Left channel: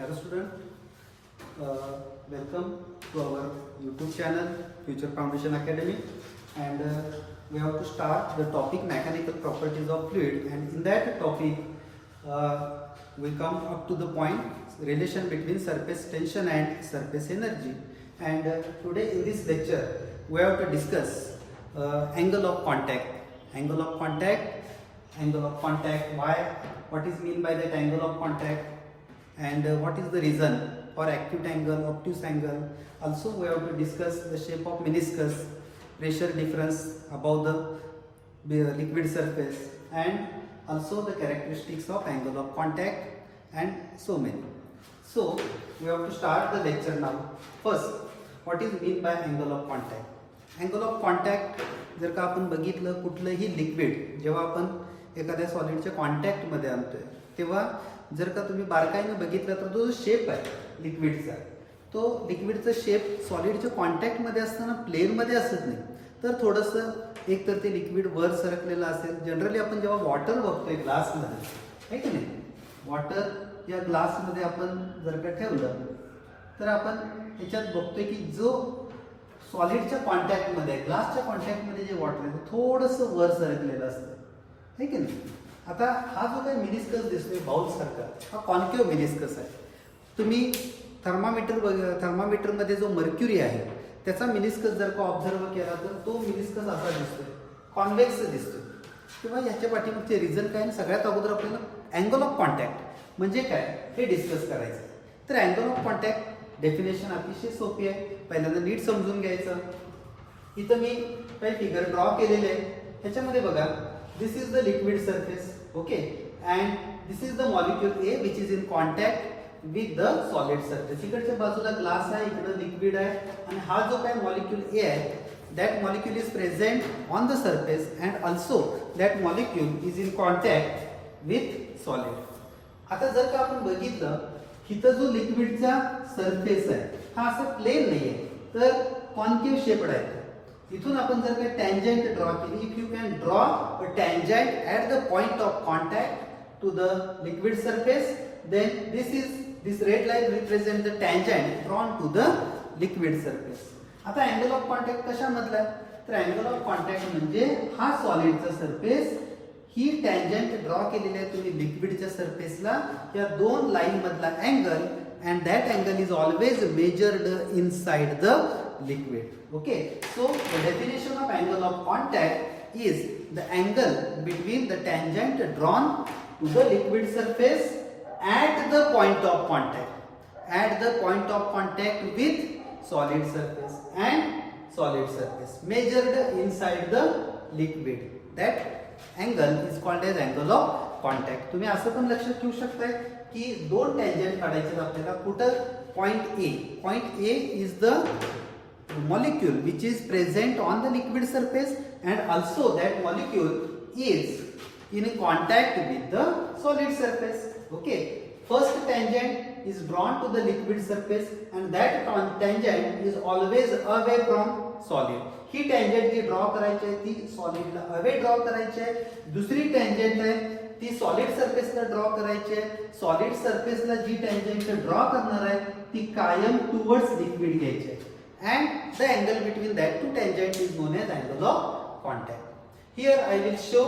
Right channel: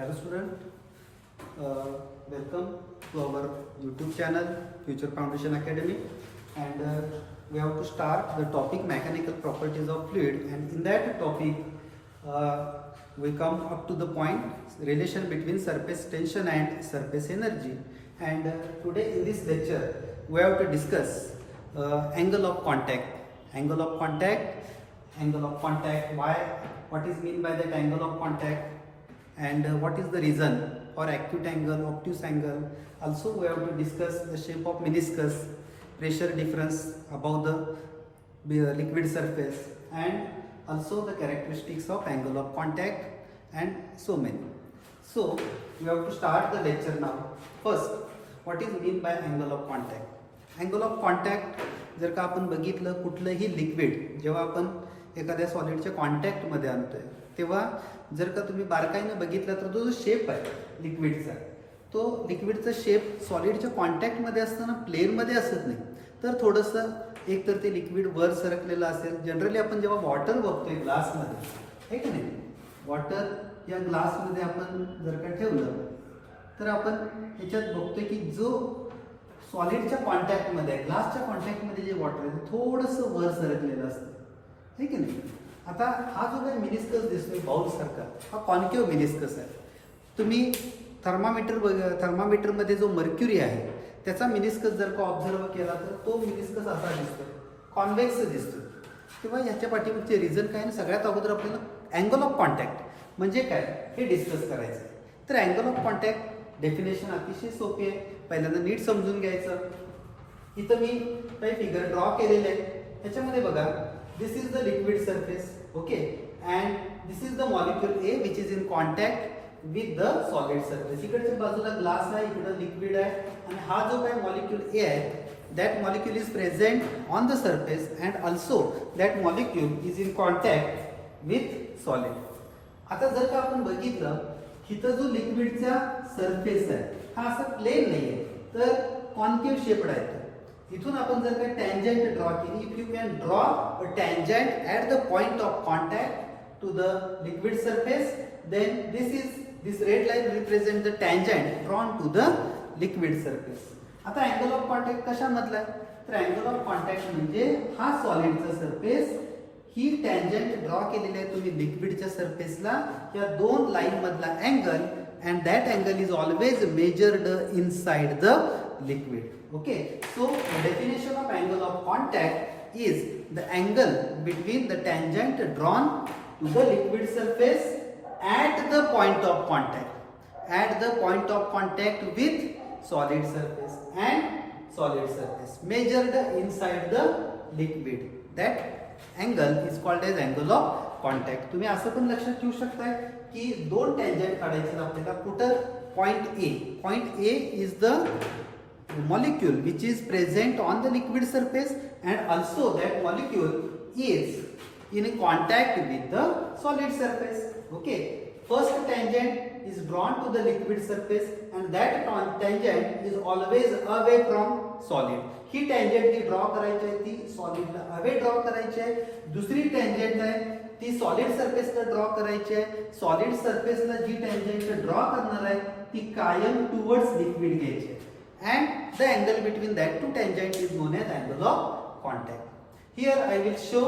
Hello student, welcome to our YouTube channel Future Foundation Academy, and we have to start the topic mechanical properties of fluid, and in that topic we come up to the point relation between surface tension and surface energy. And today in this lecture we have to discuss angle of contact, what is mean by that angle of contact, and what is the reason for acute angle, obtuse angle. Also we have to discuss the shape of meniscus, pressure difference above the liquid surface, and also the characteristics of angle of contact, and so many. So we have to start the lecture now. First, what is mean by angle of contact? Angle of contact जर का आपण बघितलं, कुठलंही liquid जेव्हा आपण एखाद्या सॉलिडच्या कॉन्टॅक्टमध्ये आणतोय तेव्हा जर का तुम्ही बारकाईने बघितलं तर तो जो शेप आहे लिक्विडचा, तो लिक्विडचा शेप सॉलिडच्या कॉन्टॅक्टमध्ये असताना प्लेनमध्ये असत नाही, तर थोडंसं एक तर ते लिक्विड वर सरकलेलं असेल. जनरली आपण जेव्हा वॉटर बघतोय ग्लासमध्ये, आहे की नाही, वॉटर या ग्लासमध्ये आपण जर का ठेवलं तर आपण ह्याच्यात बघतोय की जो सॉलिडच्या कॉन्टॅक्टमध्ये, ग्लासच्या कॉन्टॅक्टमध्ये जे वॉटर आहे थोडंसं वर सरकलेलं असतं, आहे की नाही. आता हा जो काही मिनिस्कस दिसतोय बाउल सारखा, हा कॉन्केव्ह मिनिस्कस आहे. तुम्ही थर्मामीटरमध्ये जो मर्क्युरी आहे त्याचा मिनिस्कस जर का ऑब्झर्व केला तर तो मिनिस्कस असा दिसतोय, कॉन्व्हेक्स दिसतोय. तेव्हा ह्याच्या पाठीमागचे रिझन काय आहे, सगळ्यात अगोदर आपल्याला अँगल ऑफ कॉन्टॅक्ट म्हणजे काय हे डिस्कस करायचं आहे. तर अँगल ऑफ कॉन्टॅक्ट डेफिनेशन अतिशय सोपी आहे, पहिल्यांदा नीट समजून घ्यायचं. इथं मी काही फिगर ड्रॉ केलेले आहे. ह्याच्यामध्ये बघा, this is the liquid surface, okay, and this is the molecule A which is in contact with the solid surface. इकडच्या बाजूला ग्लास आहे, इकडं लिक्विड आहे, आणि हा जो काय मॉलिक्यूल ए आहे that molecule is present on the surface and also that molecule is in contact with solid. आता जर का आपण बघितलं, इथं जो लिक्विडचा सरफेस आहे हा असा प्लेन नाही आहे, तर कॉन्केव्ह शेप्ड आहे. इथून आपण जर का टँजंट ड्रॉ केली, if you can draw a tangent at the point of contact to the liquid surface, then this red line represent the tangent drawn to the liquid surface. आता angle of contact कशामधला आहे, तर angle of contact म्हणजे हा सॉलिडचा surface, ही tangent draw केलेली आहे तुम्ही लिक्विडच्या सरफेसला, या दोन लाईन मधला angle, and that angle is always measured inside the liquid. Okay, so the definition of angle of contact is the angle between the tangent drawn to the liquid surface at the point of contact with solid surface and solid surface measured inside the liquid. That angle is called as angle of contact. तुम्ही असं पण लक्षात ठेवू शकताय की दोन tangent काढायचे आपल्याला. कुठं, point A is the molecule which is present on the liquid surface and also that molecule is in contact with the solid surface. Okay, first tangent is drawn to the liquid surface and that tangent is always away from solid. ही tangent जी draw करायची आहे ती सॉलिडला away draw करायची आहे. दुसरी tangent आहे ती सॉलिड सरफेसला ड्रॉ करायची आहे. सॉलिड सरफेसला जी tangent ड्रॉ करणार आहे ती कायम टुवर्ड्स लिक्विड घ्यायची आहे. And the angle between that two tangent is known as angle of contact. Here I will show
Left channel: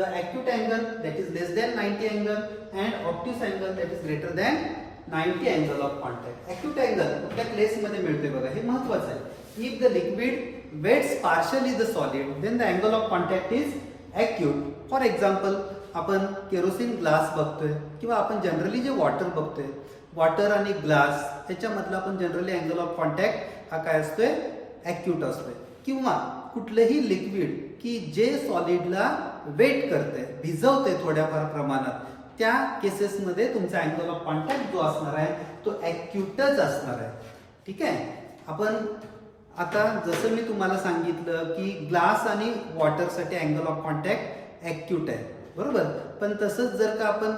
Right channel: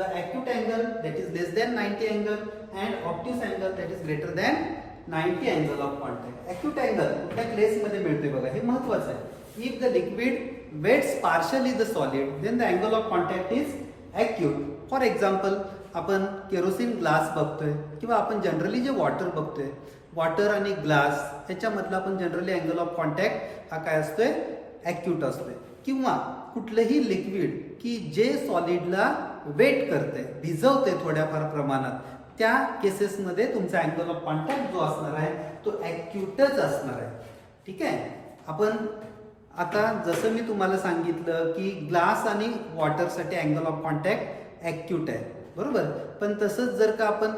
the acute angle, that is less than 90 angle, and obtuse angle, that is greater than 90 angle of contact. Acute angle कुठल्या केसमध्ये मिळतोय बघा, हे महत्त्वाचं आहे. If the liquid wets partially the solid, then the angle of contact is acute. For example, आपण kerosene glass बघतोय किंवा आपण जनरली जे वॉटर बघतोय, वॉटर आणि ग्लास ह्याच्यामधला आपण जनरली अँगल ऑफ कॉन्टॅक्ट हा काय असतोय, ॲक्यूट असतोय. किंवा कुठलंही लिक्विड की जे सॉलिडला वेट करते, भिजवते थोड्याफार प्रमाणात, त्या केसेसमध्ये तुमचा अँगल ऑफ कॉन्टॅक्ट जो असणार आहे तो ॲक्यूटच असणार आहे. ठीक आहे. आपण आता जसं मी तुम्हाला सांगितलं की ग्लास आणि वॉटरसाठी अँगल ऑफ कॉन्टॅक्ट ॲक्यूट आहे, बरोबर. पण तसंच जर का आपण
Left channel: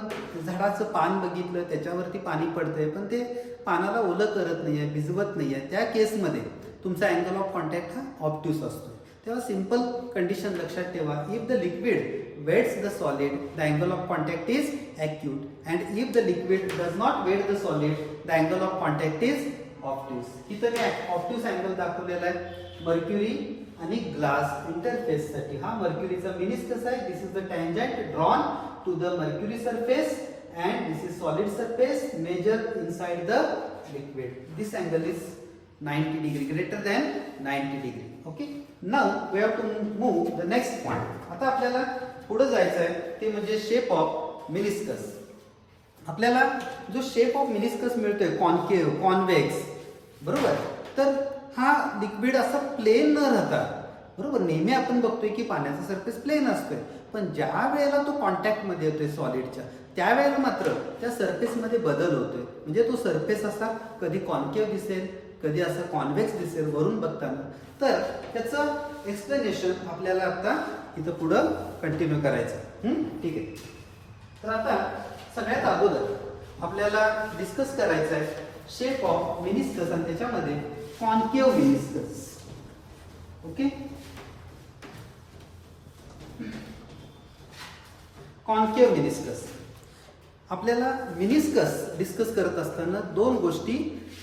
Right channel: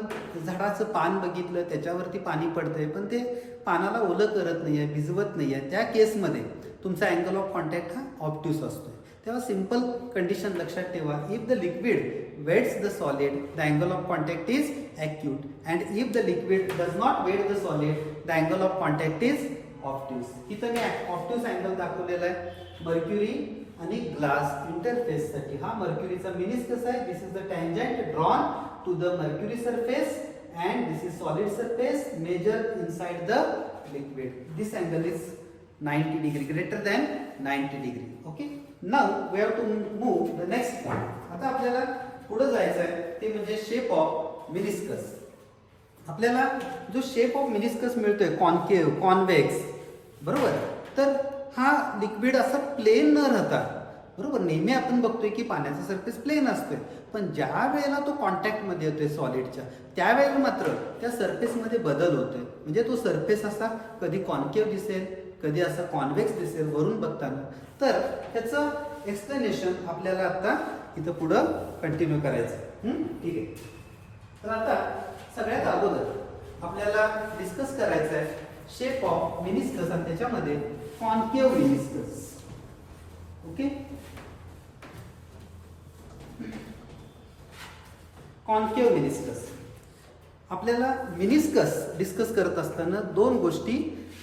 झाडाचं पान बघितलं, त्याच्यावरती पाणी पडतंय पण ते पानाला ओलं करत नाहीये, भिजवत नाहीये, त्या केसमध्ये तुमचा अँगल ऑफ कॉन्टॅक्ट हा ऑब्ट्यूस असतोय. तेव्हा सिंपल कंडिशन लक्षात ठेवा. If the liquid wets the solid the angle of contact is acute and if the liquid does not wet the solid the angle of contact is obtuse. इथं मी obtuse angle दाखवलेला आहे. Mercury आणि glass इंटरफेससाठी हा मर्क्युरीचा meniscus आहे. This is the tangent drawn to the mercury surface and this is solid surface measured inside the liquid. This angle is 90 degree, greater than 90 degree. Okay, now we have to move the next point. आता आपल्याला पुढे जायचं आहे ते म्हणजे shape of meniscus. आपल्याला जो shape of meniscus मिळतोय कॉन्केव्ह कॉन्व्हेक्स, बरोबर, तर हा लिक्विड असा प्लेन न राहता, बरोबर, नेहमी आपण बघतोय की पाण्याचा सरफेस प्लेन असतोय, पण ज्या वेळेला तो कॉन्टॅक्टमध्ये येतोय सॉलिडच्या त्यावेळेला मात्र त्या सरफेसमध्ये बदल होतोय. म्हणजे तो सरफेस असा कधी कॉन्केव्ह दिसेल, कधी असा कॉन्व्हेक्स दिसेल वरून बघताना. तर त्याचं एक्सप्लेनेशन आपल्याला आता इथं पुढं कंटिन्यू करायचं. ठीक आहे. तर आता सगळ्यात अगोदर आपल्याला डिस्कस करायचं आहे शेप ऑफ मिनिस्कस आणि त्याच्यामध्ये concave meniscus. Okay, concave meniscus. आपल्याला मिनिस्कस डिस्कस करत असताना दोन गोष्टी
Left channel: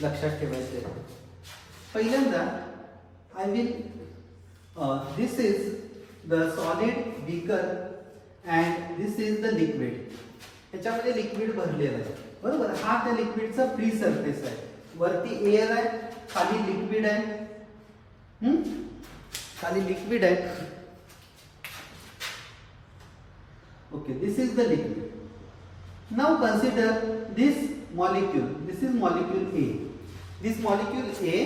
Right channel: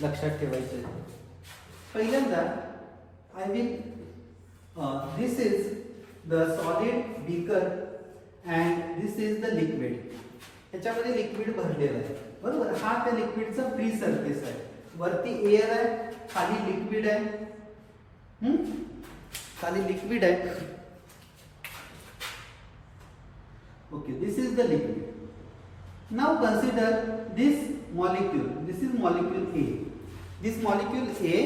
लक्षात ठेवायच्या आहेत. पहिल्यांदा I will this is the solid beaker and this is the liquid. ह्याच्यामध्ये लिक्विड भरलेलं आहे, बरोबर. हा त्या लिक्विडचा फ्री सरफेस आहे. वरती एअर आहे, खाली लिक्विड आहे. खाली लिक्विड आहे. Okay, this is the liquid. Now consider this molecule. This is molecule A. This molecule A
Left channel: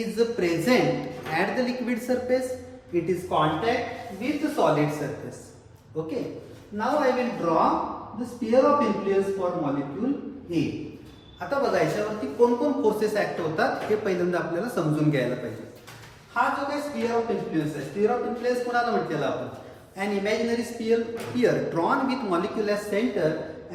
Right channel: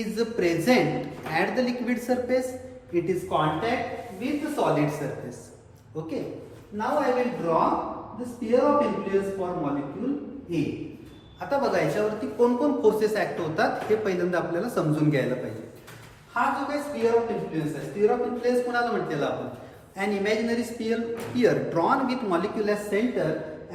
is present at the liquid surface. It is contact with the solid surface. Okay. Now I will draw the sphere of influence for molecule A. आता बघा याच्यावरती कोण forces act होतात हे पहिल्यांदा आपल्याला समजून घ्यायला पाहिजे. हा जो काही स्फिअर ऑफ इन्फ्लुएन्स आहे, स्फिअर ऑफ इन्फ्लुएन्स कोणाला म्हटलेलं आपण? An imaginary sphere drawn with molecule as center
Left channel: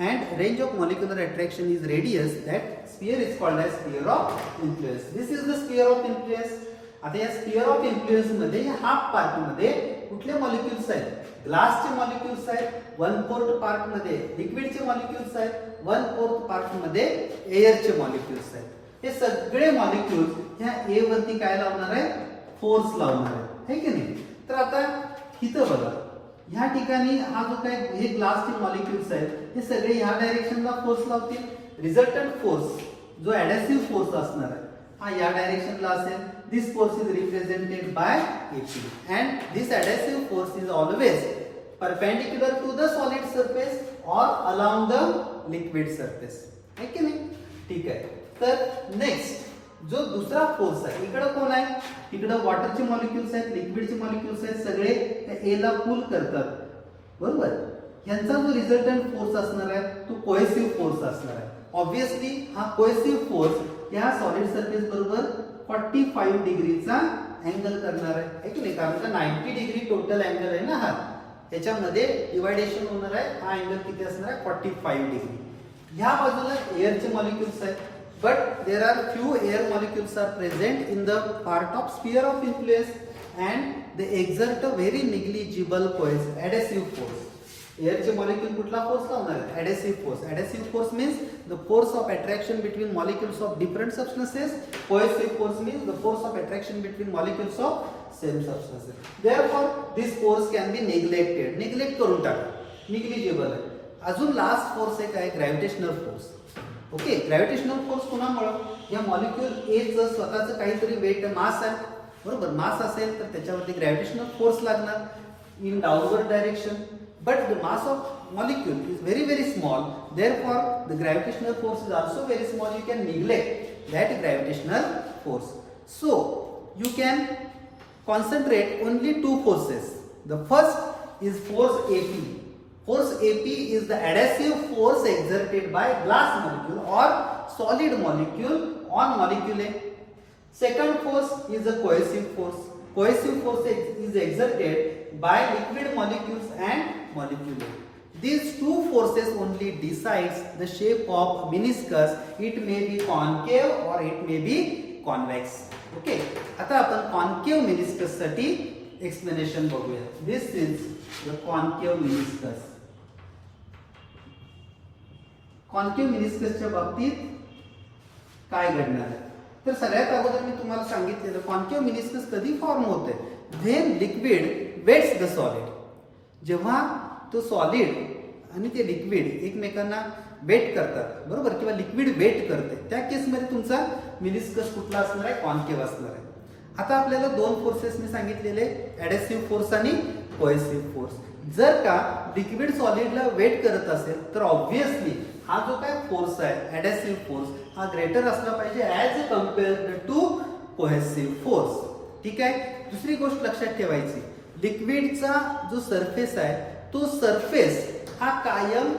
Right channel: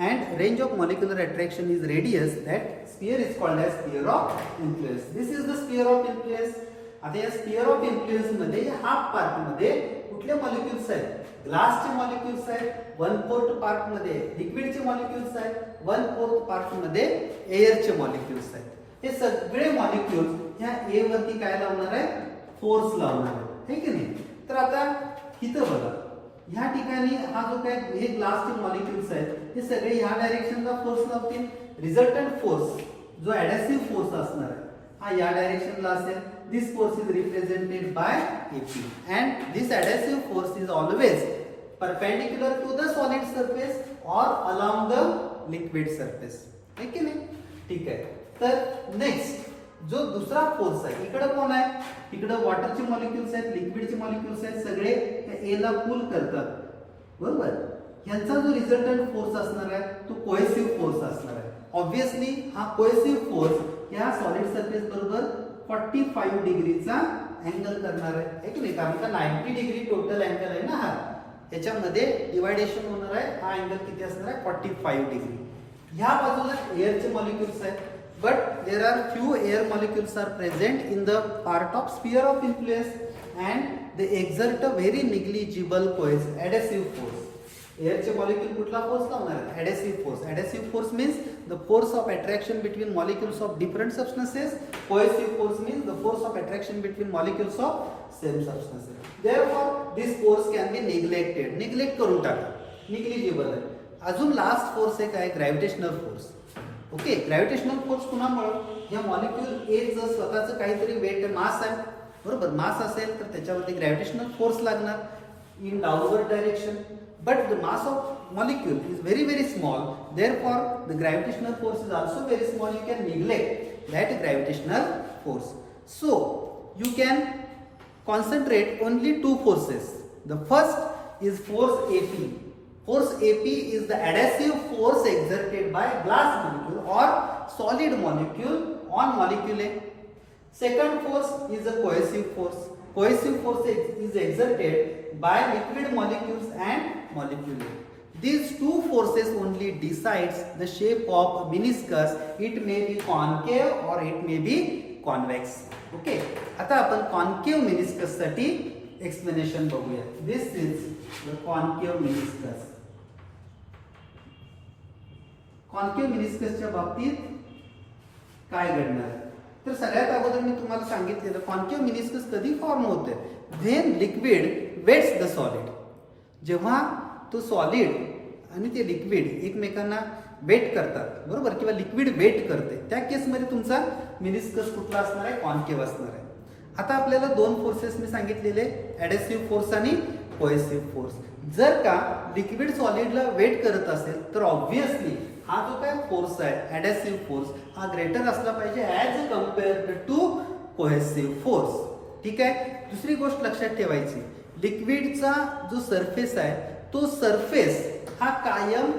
and range of molecular attraction is radius. That sphere is called as sphere of influence. This is the sphere of influence. आता या sphere of influence मध्ये half part मध्ये कुठले molecules आहेत? ग्लासचे molecules आहेत. 1/4 part मध्ये लिक्विडचे molecules आहेत. 1/4 part मध्ये एअरचे मॉलिक्युल्स आहेत. हे सगळे मॉलिक्युल्स ह्या ए वरती काय लावणार आहे? फोर्स लावणार आहे, है की नाही? तर आता इथं बघा, ह्या ठिकाणी हा जो काही हे ग्लासचे मॉलिक्युल्स आहेत हे सगळे ह्या डायरेक्शनला फोर्स लावतील. रिझल्टंट फोर्स जो ऍडहेसिव्ह फोर्स असणार आहे हा या डायरेक्शनला असेल. This force is represented by AP and this adhesive force is always perpendicular to the solid surface or along the liquid surface, है की नाही? ठीक आहे. तर नेक्स्ट जो दुसरा फोर्स आहे, इकडं कोण आहे? इकडं वॉटरचे मॉलिक्युल्स आहेत, लिक्विडचे मॉलिक्युल्स आहेत, सगळे त्या ए ला पुल करतात, बरोबर. यांचा जो रिझल्टंट फोर्स असणार आहे तो कोहेसिव्ह फोर्स असणार आहे. ऑब्विसली हा कोहेसिव्ह फोर्स या सॉलिड सरफेस बरोबर 45 डिग्रीचा अँगल करणार आहे की नाही? कारण का 90 डिग्री टोटल अँगल आहे ना हा, ह्याच्यामध्ये डिवायडेशन होणार आहे. हा अँगल किती असणार आहे? 45 डिग्री. ह्या बाजूला एअरचे मॉलिक्युल्स आहेत, but there are few air molecules are present in the part of sphere of influence and they exert a very negligible adhesive force. Air molecule कुठला फोर्स लावणार आहे? adhesive force. Adhesive force means the force of attraction between molecules of different substances. Cohesive force means the force of attraction between molecules of same substances. Therefore this force can be neglected. Neglect करून टाका, negligible आहे. अजून last force एक आहे gravitational force. Okay, gravitational force कुणामुळं? या molecule एचं स्वतःचं काहीतरी वेट मास आहे, बरोबर. मास असेल तर त्याच्यावरती ग्रॅव्हिटेशनल फोर्स लागणार in downward direction. But the mass of molecule is very small, therefore the gravitational force is also very small. You can neglect that gravitational force. So you can concentrate only two forces. The first is force AP. Force AP is the adhesive force exerted by glass molecule or solid molecule on molecule A. Second force is the cohesive force. Cohesive force is exerted by liquid molecules and molecule A. These two forces only decides the shape of meniscus. It may be concave or it may be convex. Okay. आता आपण concave meniscus साठी explanation बघूया. This is the concave meniscus. Concave मिनिस्कसच्या बाबतीत काय घडणार? तर सगळ्यात अगोदर मी तुम्हाला सांगितलेलं कॉन्केव्ह मिनिस्कस कधी फॉर्म होते? When liquid wets the solid. जेव्हा तो सॉलिड आणि ते लिक्विड एकमेकांना वेट करतात, बरोबर, किंवा लिक्विड वेट करते, त्या केसमध्ये तुमचा मिनिस्कस कुठला असणार आहे? कॉन्केव्ह असणार आहे. आता आपल्याला दोन फोर्सेस मी सांगितलेले, ॲडेसिव्ह फोर्स आणि कोहेसिव्ह फोर्स. जर का लिक्विड सॉलिडला वेट करत असेल तर ऑब्व्हियसली हा जो काय फोर्स आहे ॲडेसिव्ह फोर्स हा ग्रेटर असला पाहिजे as compared to cohesive force. ठीक आहे. दुसरी गोष्ट लक्षात ठेवायची, लिक्विडचा जो सरफेस आहे तो सरफेस हा कायम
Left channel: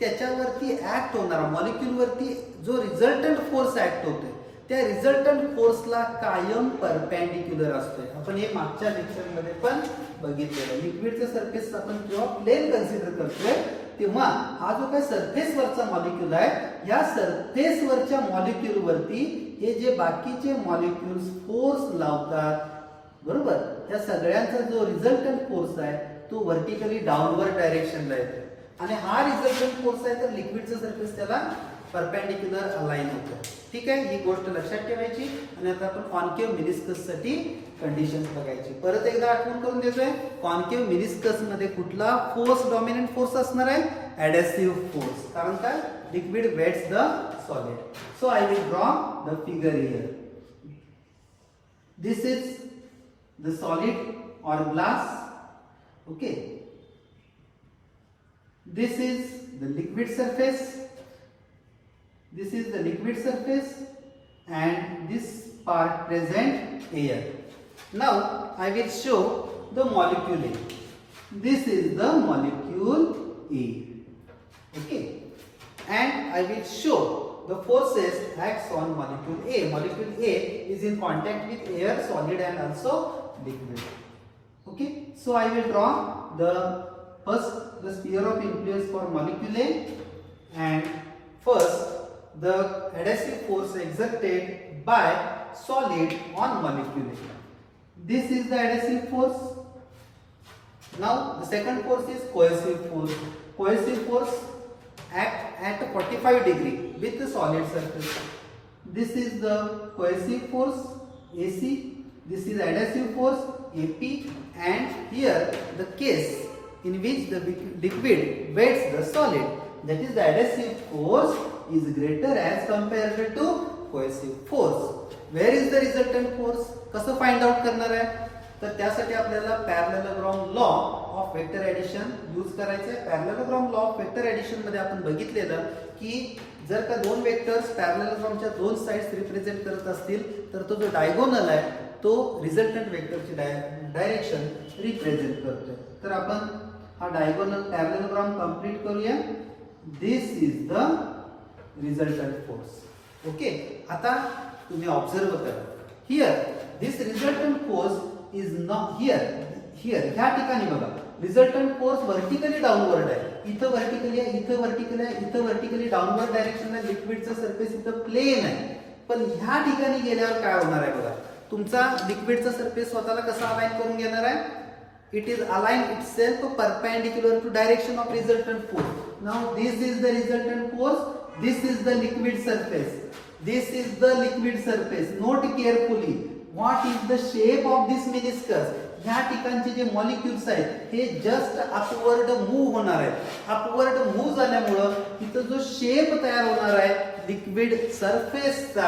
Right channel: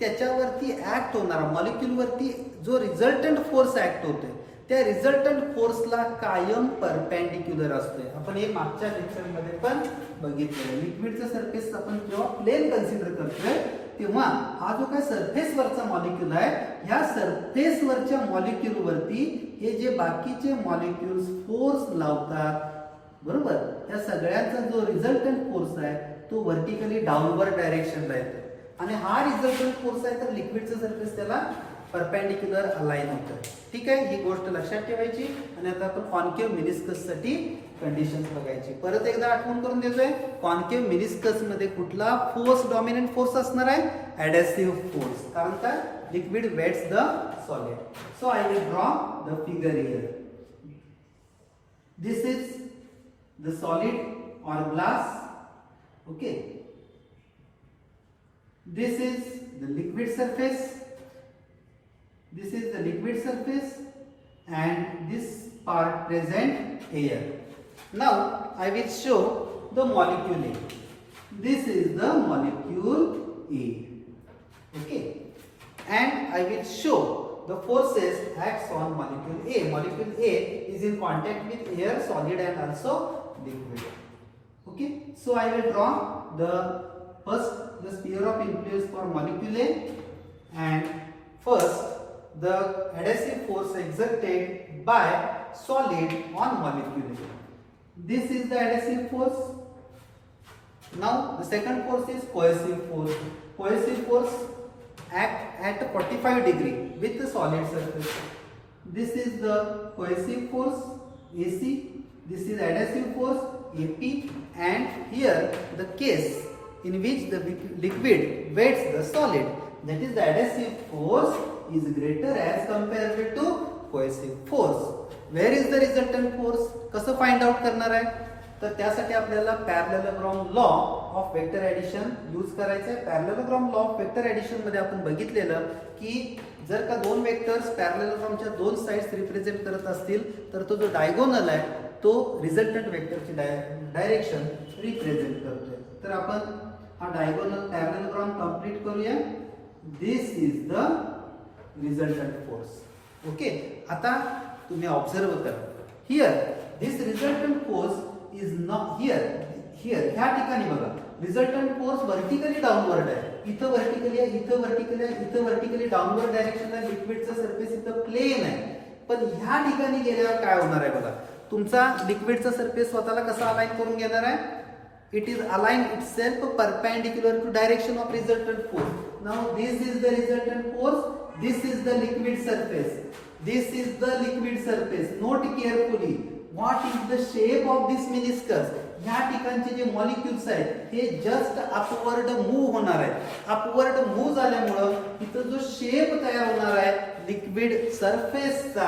त्याच्यावरती ऍक्ट होणारा मॉलिक्यूलवरती जो रिझल्टंट फोर्स ऍक्ट होतोय त्या रिझल्टंट फोर्सला कायम परपेंडिक्युलर असतोय. आपण हे मागच्या लेक्चरमध्ये पण बघितलेलं. लिक्विडचा सरफेस आपण जेव्हा प्लेन कन्सिडर करतोय तेव्हा हा जो काही सरफेसवरचा मॉलिक्यूल आहे ह्या सरफेसवरच्या मॉलिक्यूलवरती हे जे बाकीचे मॉलिक्यूल्स फोर्स लावतात, बरोबर, त्या सगळ्यांचा जो रिझल्टंट फोर्स आहे तो व्हर्टिकली डाऊनवर्ड डायरेक्शनला येतो. आणि हा रिझल्टंट फोर्स आहे तर लिक्विडचं सरफेस त्याला परपेंडिक्युलर अलाइन होतं. ठीक आहे. ही गोष्ट लक्षात ठेवायची. आणि आता आपण कॉन्केव्ह मिनिस्कस साठी कंडिशन्स बघायची. परत एकदा आठवण करून देतोय, कॉन्केव्ह मिनिस्कस मध्ये कुठला फोर्स डॉमिनंट फोर्स असणार आहे? Adhesive force. कारण काय? Liquid wets the solid. So I will draw the figure here. This is the solid or glass. Okay, this is the liquid surface, this is the liquid surface, and this part present air. Now I will show the molecule A. This is the molecule A. Okay, and I will show the forces acts on molecule A. Molecule A is in contact with air, solid and also liquid. Okay, so I will draw the sphere of influence for molecule A, and first the adhesive force exerted by solid on molecule A. This is the adhesive force. Now the second force is cohesive force. Cohesive force act at 45 degree with the solid surface. This is the cohesive force AC. This is adhesive force AP, and here the case in which the liquid weights the solid, that is the adhesive force is greater as compared to cohesive force. Where is the resultant force? कसं find out करणार आहे? तर त्यासाठी आपल्याला parallelogram law of vector addition use करायचं आहे. Parallelogram law of vector addition मध्ये आपण बघितलेलं की जर का दोन वेक्टर्स पॅरलेलोग्रामच्या दोन साइड्स रिप्रेझेंट करत असतील तर तो जो डायगोनल आहे तो रिझल्टंट वेक्टरची डायरेक्शन रिप्रेझेंट करतोय. तर आपण हा डायगोनल पॅरलेलोग्राम कंप्लीट करूया. This is the resultant force. Okay, आता तुम्ही ऑब्झर्व करा. Here this resultant force is not here. ह्या ठिकाणी बघा रिझल्टंट फोर्स व्हर्टिकली डाऊनवर्ड आहे. इथं व्हर्टिकली आहे, इथं व्हर्टिकली आहे, इथं व्हर्टिकली डाऊनवर्ड डायरेक्शनला लिक्विडचं सरफेस इथं प्लेन आहे. पण ह्या ठिकाणी गेल्यावर काय होणार आहे बघा, तुमचा लिक्विडचा सरफेस स्वतःला कसा अलाइन करून घेणार आहे? It is align itself perpendicular to direction of resultant force. Now this is the resultant force, this is the liquid surface, this is the liquid surface. Note carefully what is the shape of this meniscus. ह्या ठिकाणचे जे molecules आहेत हे just upward move होणार आहेत. Upward move झाल्यामुळं इथं जो शेप तयार होणार आहे लिक्विड सरफेसचा,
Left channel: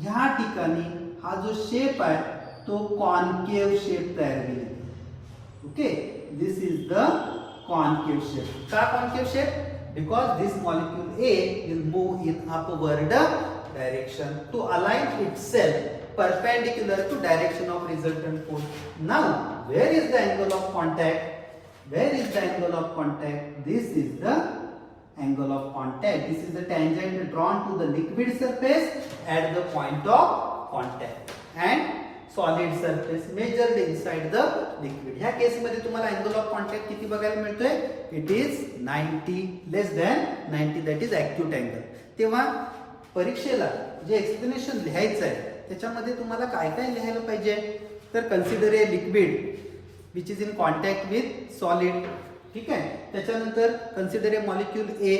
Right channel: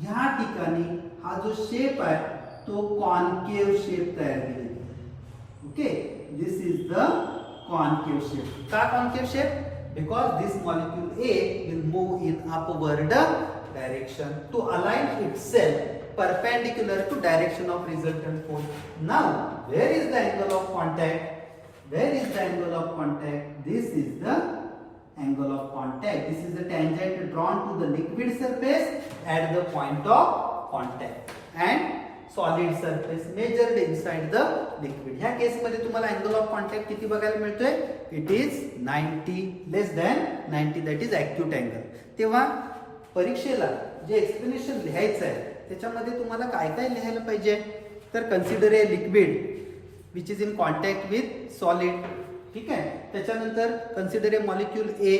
ह्या ठिकाणी हा जो शेप आहे तो कॉन्केव्ह शेप तयार होईल. Okay, this is the concave shape. का concave shape? because this molecule A will move in upward direction to align itself perpendicular to direction of resultant force. Now, where is the angle of contact? Where is the angle of contact? This is the angle of contact. This is the tangent drawn to the liquid surface at the point of contact, and solid surface measured inside the liquid. ह्या केस मध्ये तुम्हाला angle of contact किती बघायला मिळतोय? It is 90 less than 90, that is acute angle. तेव्हा परीक्षेला जे explanation लिहायचं आहे त्याच्यामध्ये तुम्हाला काय काय लिहायला पाहिजे? तर consider a liquid which is in contact with solid. ठीक आहे. त्याच्यानंतर consider A molecule A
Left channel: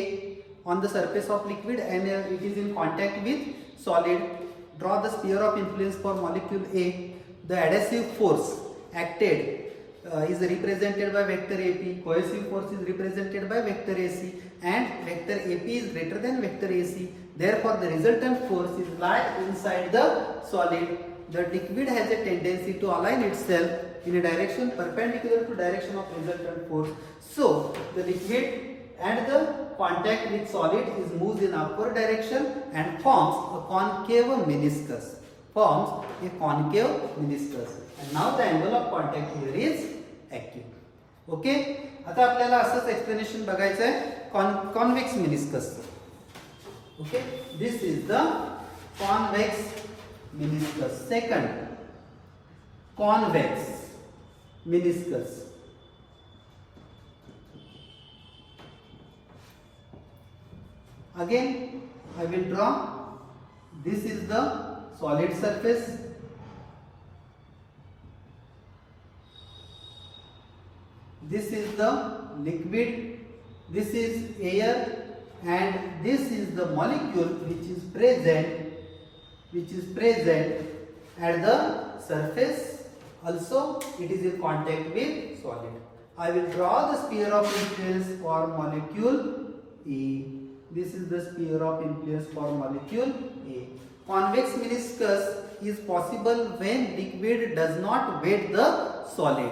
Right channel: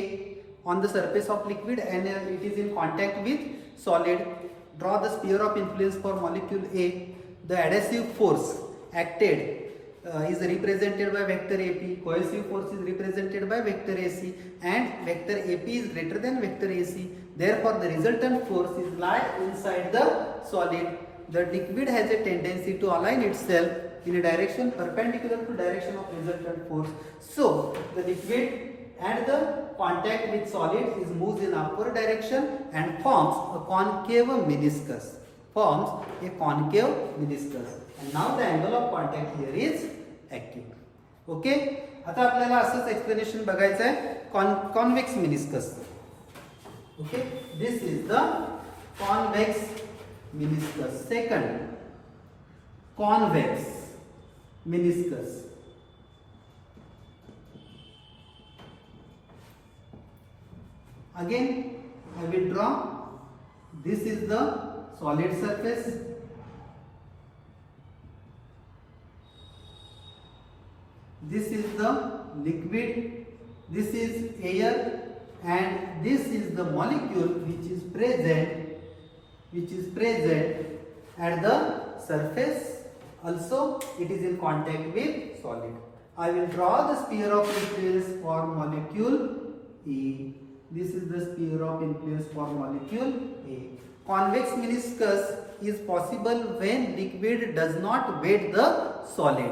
on the surface of liquid and it is in contact with solid. Draw the sphere of influence for molecule A. The adhesive force acted is represented by vector AP. Cohesive force is represented by vector AC, and vector AP is greater than vector AC. Therefore, the resultant force is lie inside the solid. The liquid has a tendency to align itself in a direction perpendicular to direction of resultant force. So, the liquid and the contact with solid is moves in upward direction and forms a concave meniscus. And now the angle of contact here is acute. Okay. आता आपल्याला असंच explanation बघायचं आहे convex मेनिस्कसचं. Okay. This is the convex meniscus. Second, convex meniscus. Again, I will draw. This is the solid surface. This is the liquid. This is air, and this is the molecule which is present at the surface. Also, it is in contact with solid. I will draw the sphere of influence for molecule E. This is the sphere of influence for molecule A. Convex meniscus is possible when liquid does not weight the solid.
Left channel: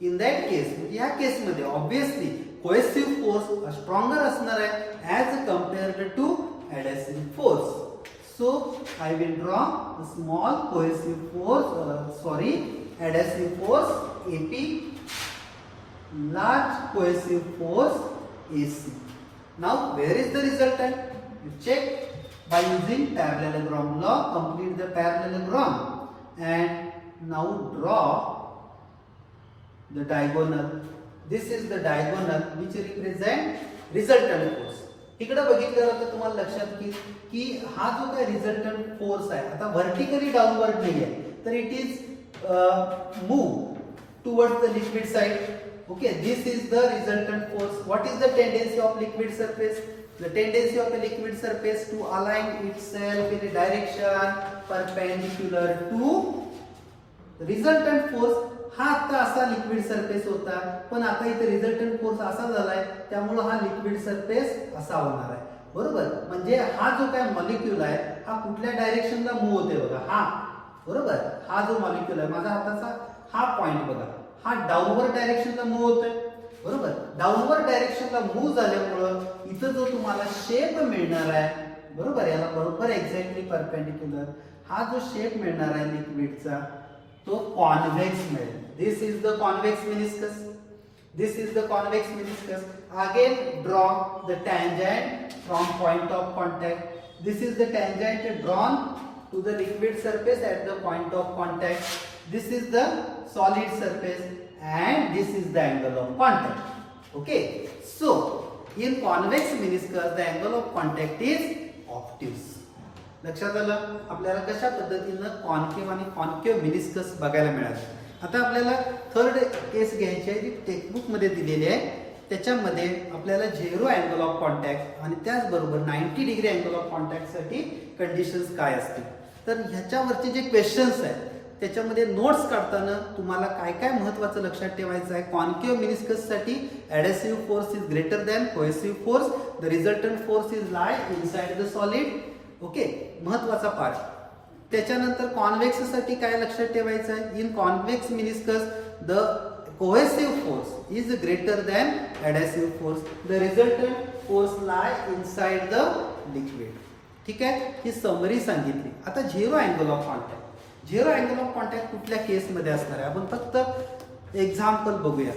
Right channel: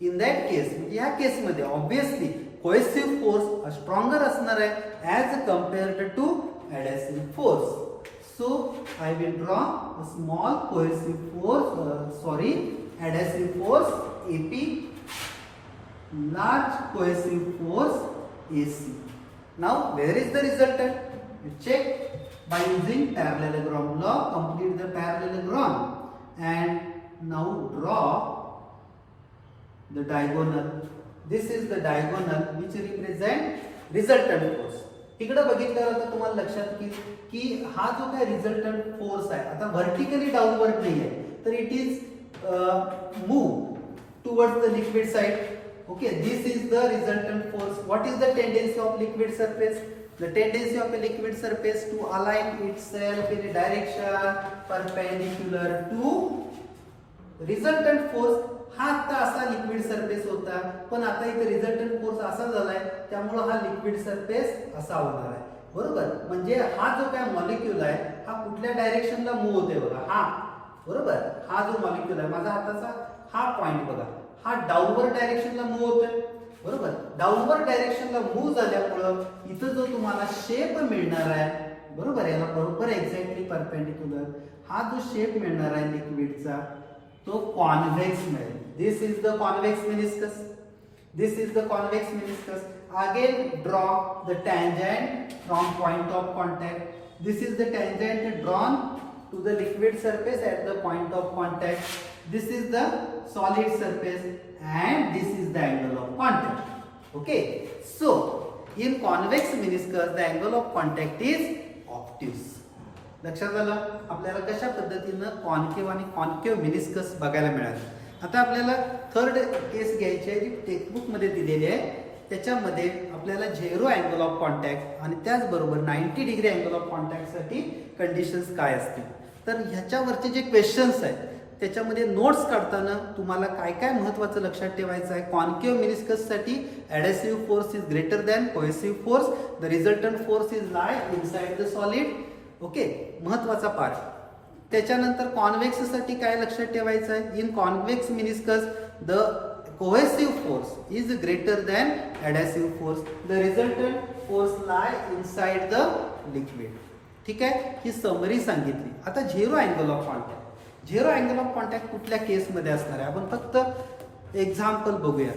In that case, या केस मध्ये obviously cohesive force stronger असणार आहे as compared to adhesive force. So I will draw a small cohesive force, adhesive force AP, large cohesive force AC. Now, where is the resultant? You check by using parallelogram law. Complete the parallelogram and now draw the diagonal. This is the diagonal which represent resultant force. इकडे बघितलं तर तुम्हाला लक्षात येईल की हा जो काय रिझल्टंट फोर्स आहे आता व्हर्टिकली डाऊनवर्ड नाही आहे, तर it is move towards the liquid side. Okay, this is the resultant force. What is the tendency of liquid surface? The tendency of a liquid surface to align itself in a direction perpendicular to resultant force. हा आता असा liquid surface होता, पण आता इथे resultant force असा झालाय, त्यामुळे हा लिक्विड सरफेस असा होणार आहे. बरोबर. म्हणजे हा जो काय मॉलिक्यूल आहे हा कुठल्या डायरेक्शनला मूव्ह होते बघा. हा बरोबर. हा जो मॉलिक्यूल आहे माझा हाताचा हा पॉइंट बघा, हा डाऊनवर्ड डायरेक्शनला मूव्ह होतोय. बरोबर. डाऊनवर्ड डायरेक्शनला मूव्ह झाल्यामुळं इथं जो तुम्हाला शेप मिळणार आहे, बरोबर, याला बरोबर एक्झॅक्टली परपेंडिक्युलर हा जो शेप मिळणार आहे लिक्विडचा तो कॉन्व्हेक्स मिळेल. This is the convex meniscus. This is the convex meniscus. Again draw the tangent from point of contact. This is the tangent drawn to the liquid surface at the point of contact. This is the solid surface and this is the angle of contact. Okay. So, in convex meniscus the angle of contact is obtuse. लक्षात आलं आपल्याला कशा पद्धतीनं concave आणि concave meniscus बघायला मिळालं. आता आपल्याला थर्ड केस घ्यायची आहे जी टेक्स्टबुक मध्ये दिलेली आहे. त्याच्यामध्ये आपल्याला 0 अँगल ऑफ कॉन्टॅक्ट आणि त्याचबरोबर 90 डिग्री अँगल ऑफ कॉन्टॅक्ट साठी कंडिशन्स काय असतील, तर ह्याच्यावरचे जे क्वेश्चन्स आहेत त्याच्यामध्ये नोट्स काढताना तुम्हाला काय काय महत्त्वाचं लक्षात ठेवायचं आहे. कॉन्केव्ह मेनिस्कस साठी adhesive force is greater than cohesive force. The resultant force is lie inside the solid. Okay, महत्त्वाचा पार्ट. त्याच्यानंतर कॉन्व्हेक्स साठी काय लक्षात ठेवायचं आहे. In convex meniscus the cohesive force is greater than adhesive force. The resultant force lie inside the liquid. ठीक आहे, ही summary सांगितली. आता 0 angle of contact. 0 angle of contact कुठल्या केस मध्ये असणार आहे आपण फक्त एक्झाम्पल बघूया.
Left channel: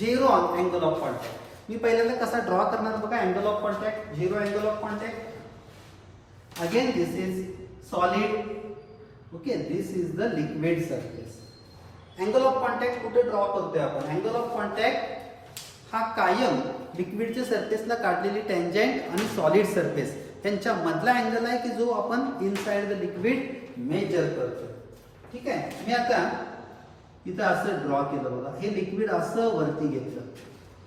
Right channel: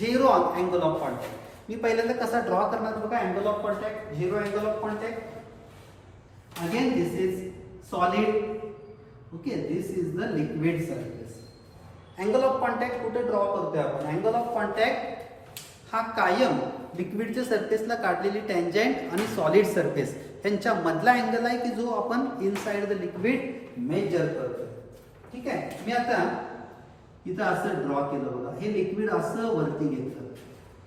0 अँगल ऑफ कॉन्टॅक्ट मी पहिल्यांदा कसा ड्रॉ करणार बघा. Angle of contact, 0 angle of contact. Again this is solid. Okay, this is the liquid surface. Angle of contact कुठे ड्रॉ करतोय आपण. अँगल ऑफ कॉन्टॅक्ट हा कायम लिक्विडच्या सरफेसला काढलेली टँजंट आणि सॉलिड सरफेस यांच्या मधला अँगल आहे की जो आपण इनसाइड द लिक्विड मेजर करतो. ठीक आहे, मी आता इथं असं ड्रॉ केलं बघा, हे लिक्विड असं वरती घेतलं,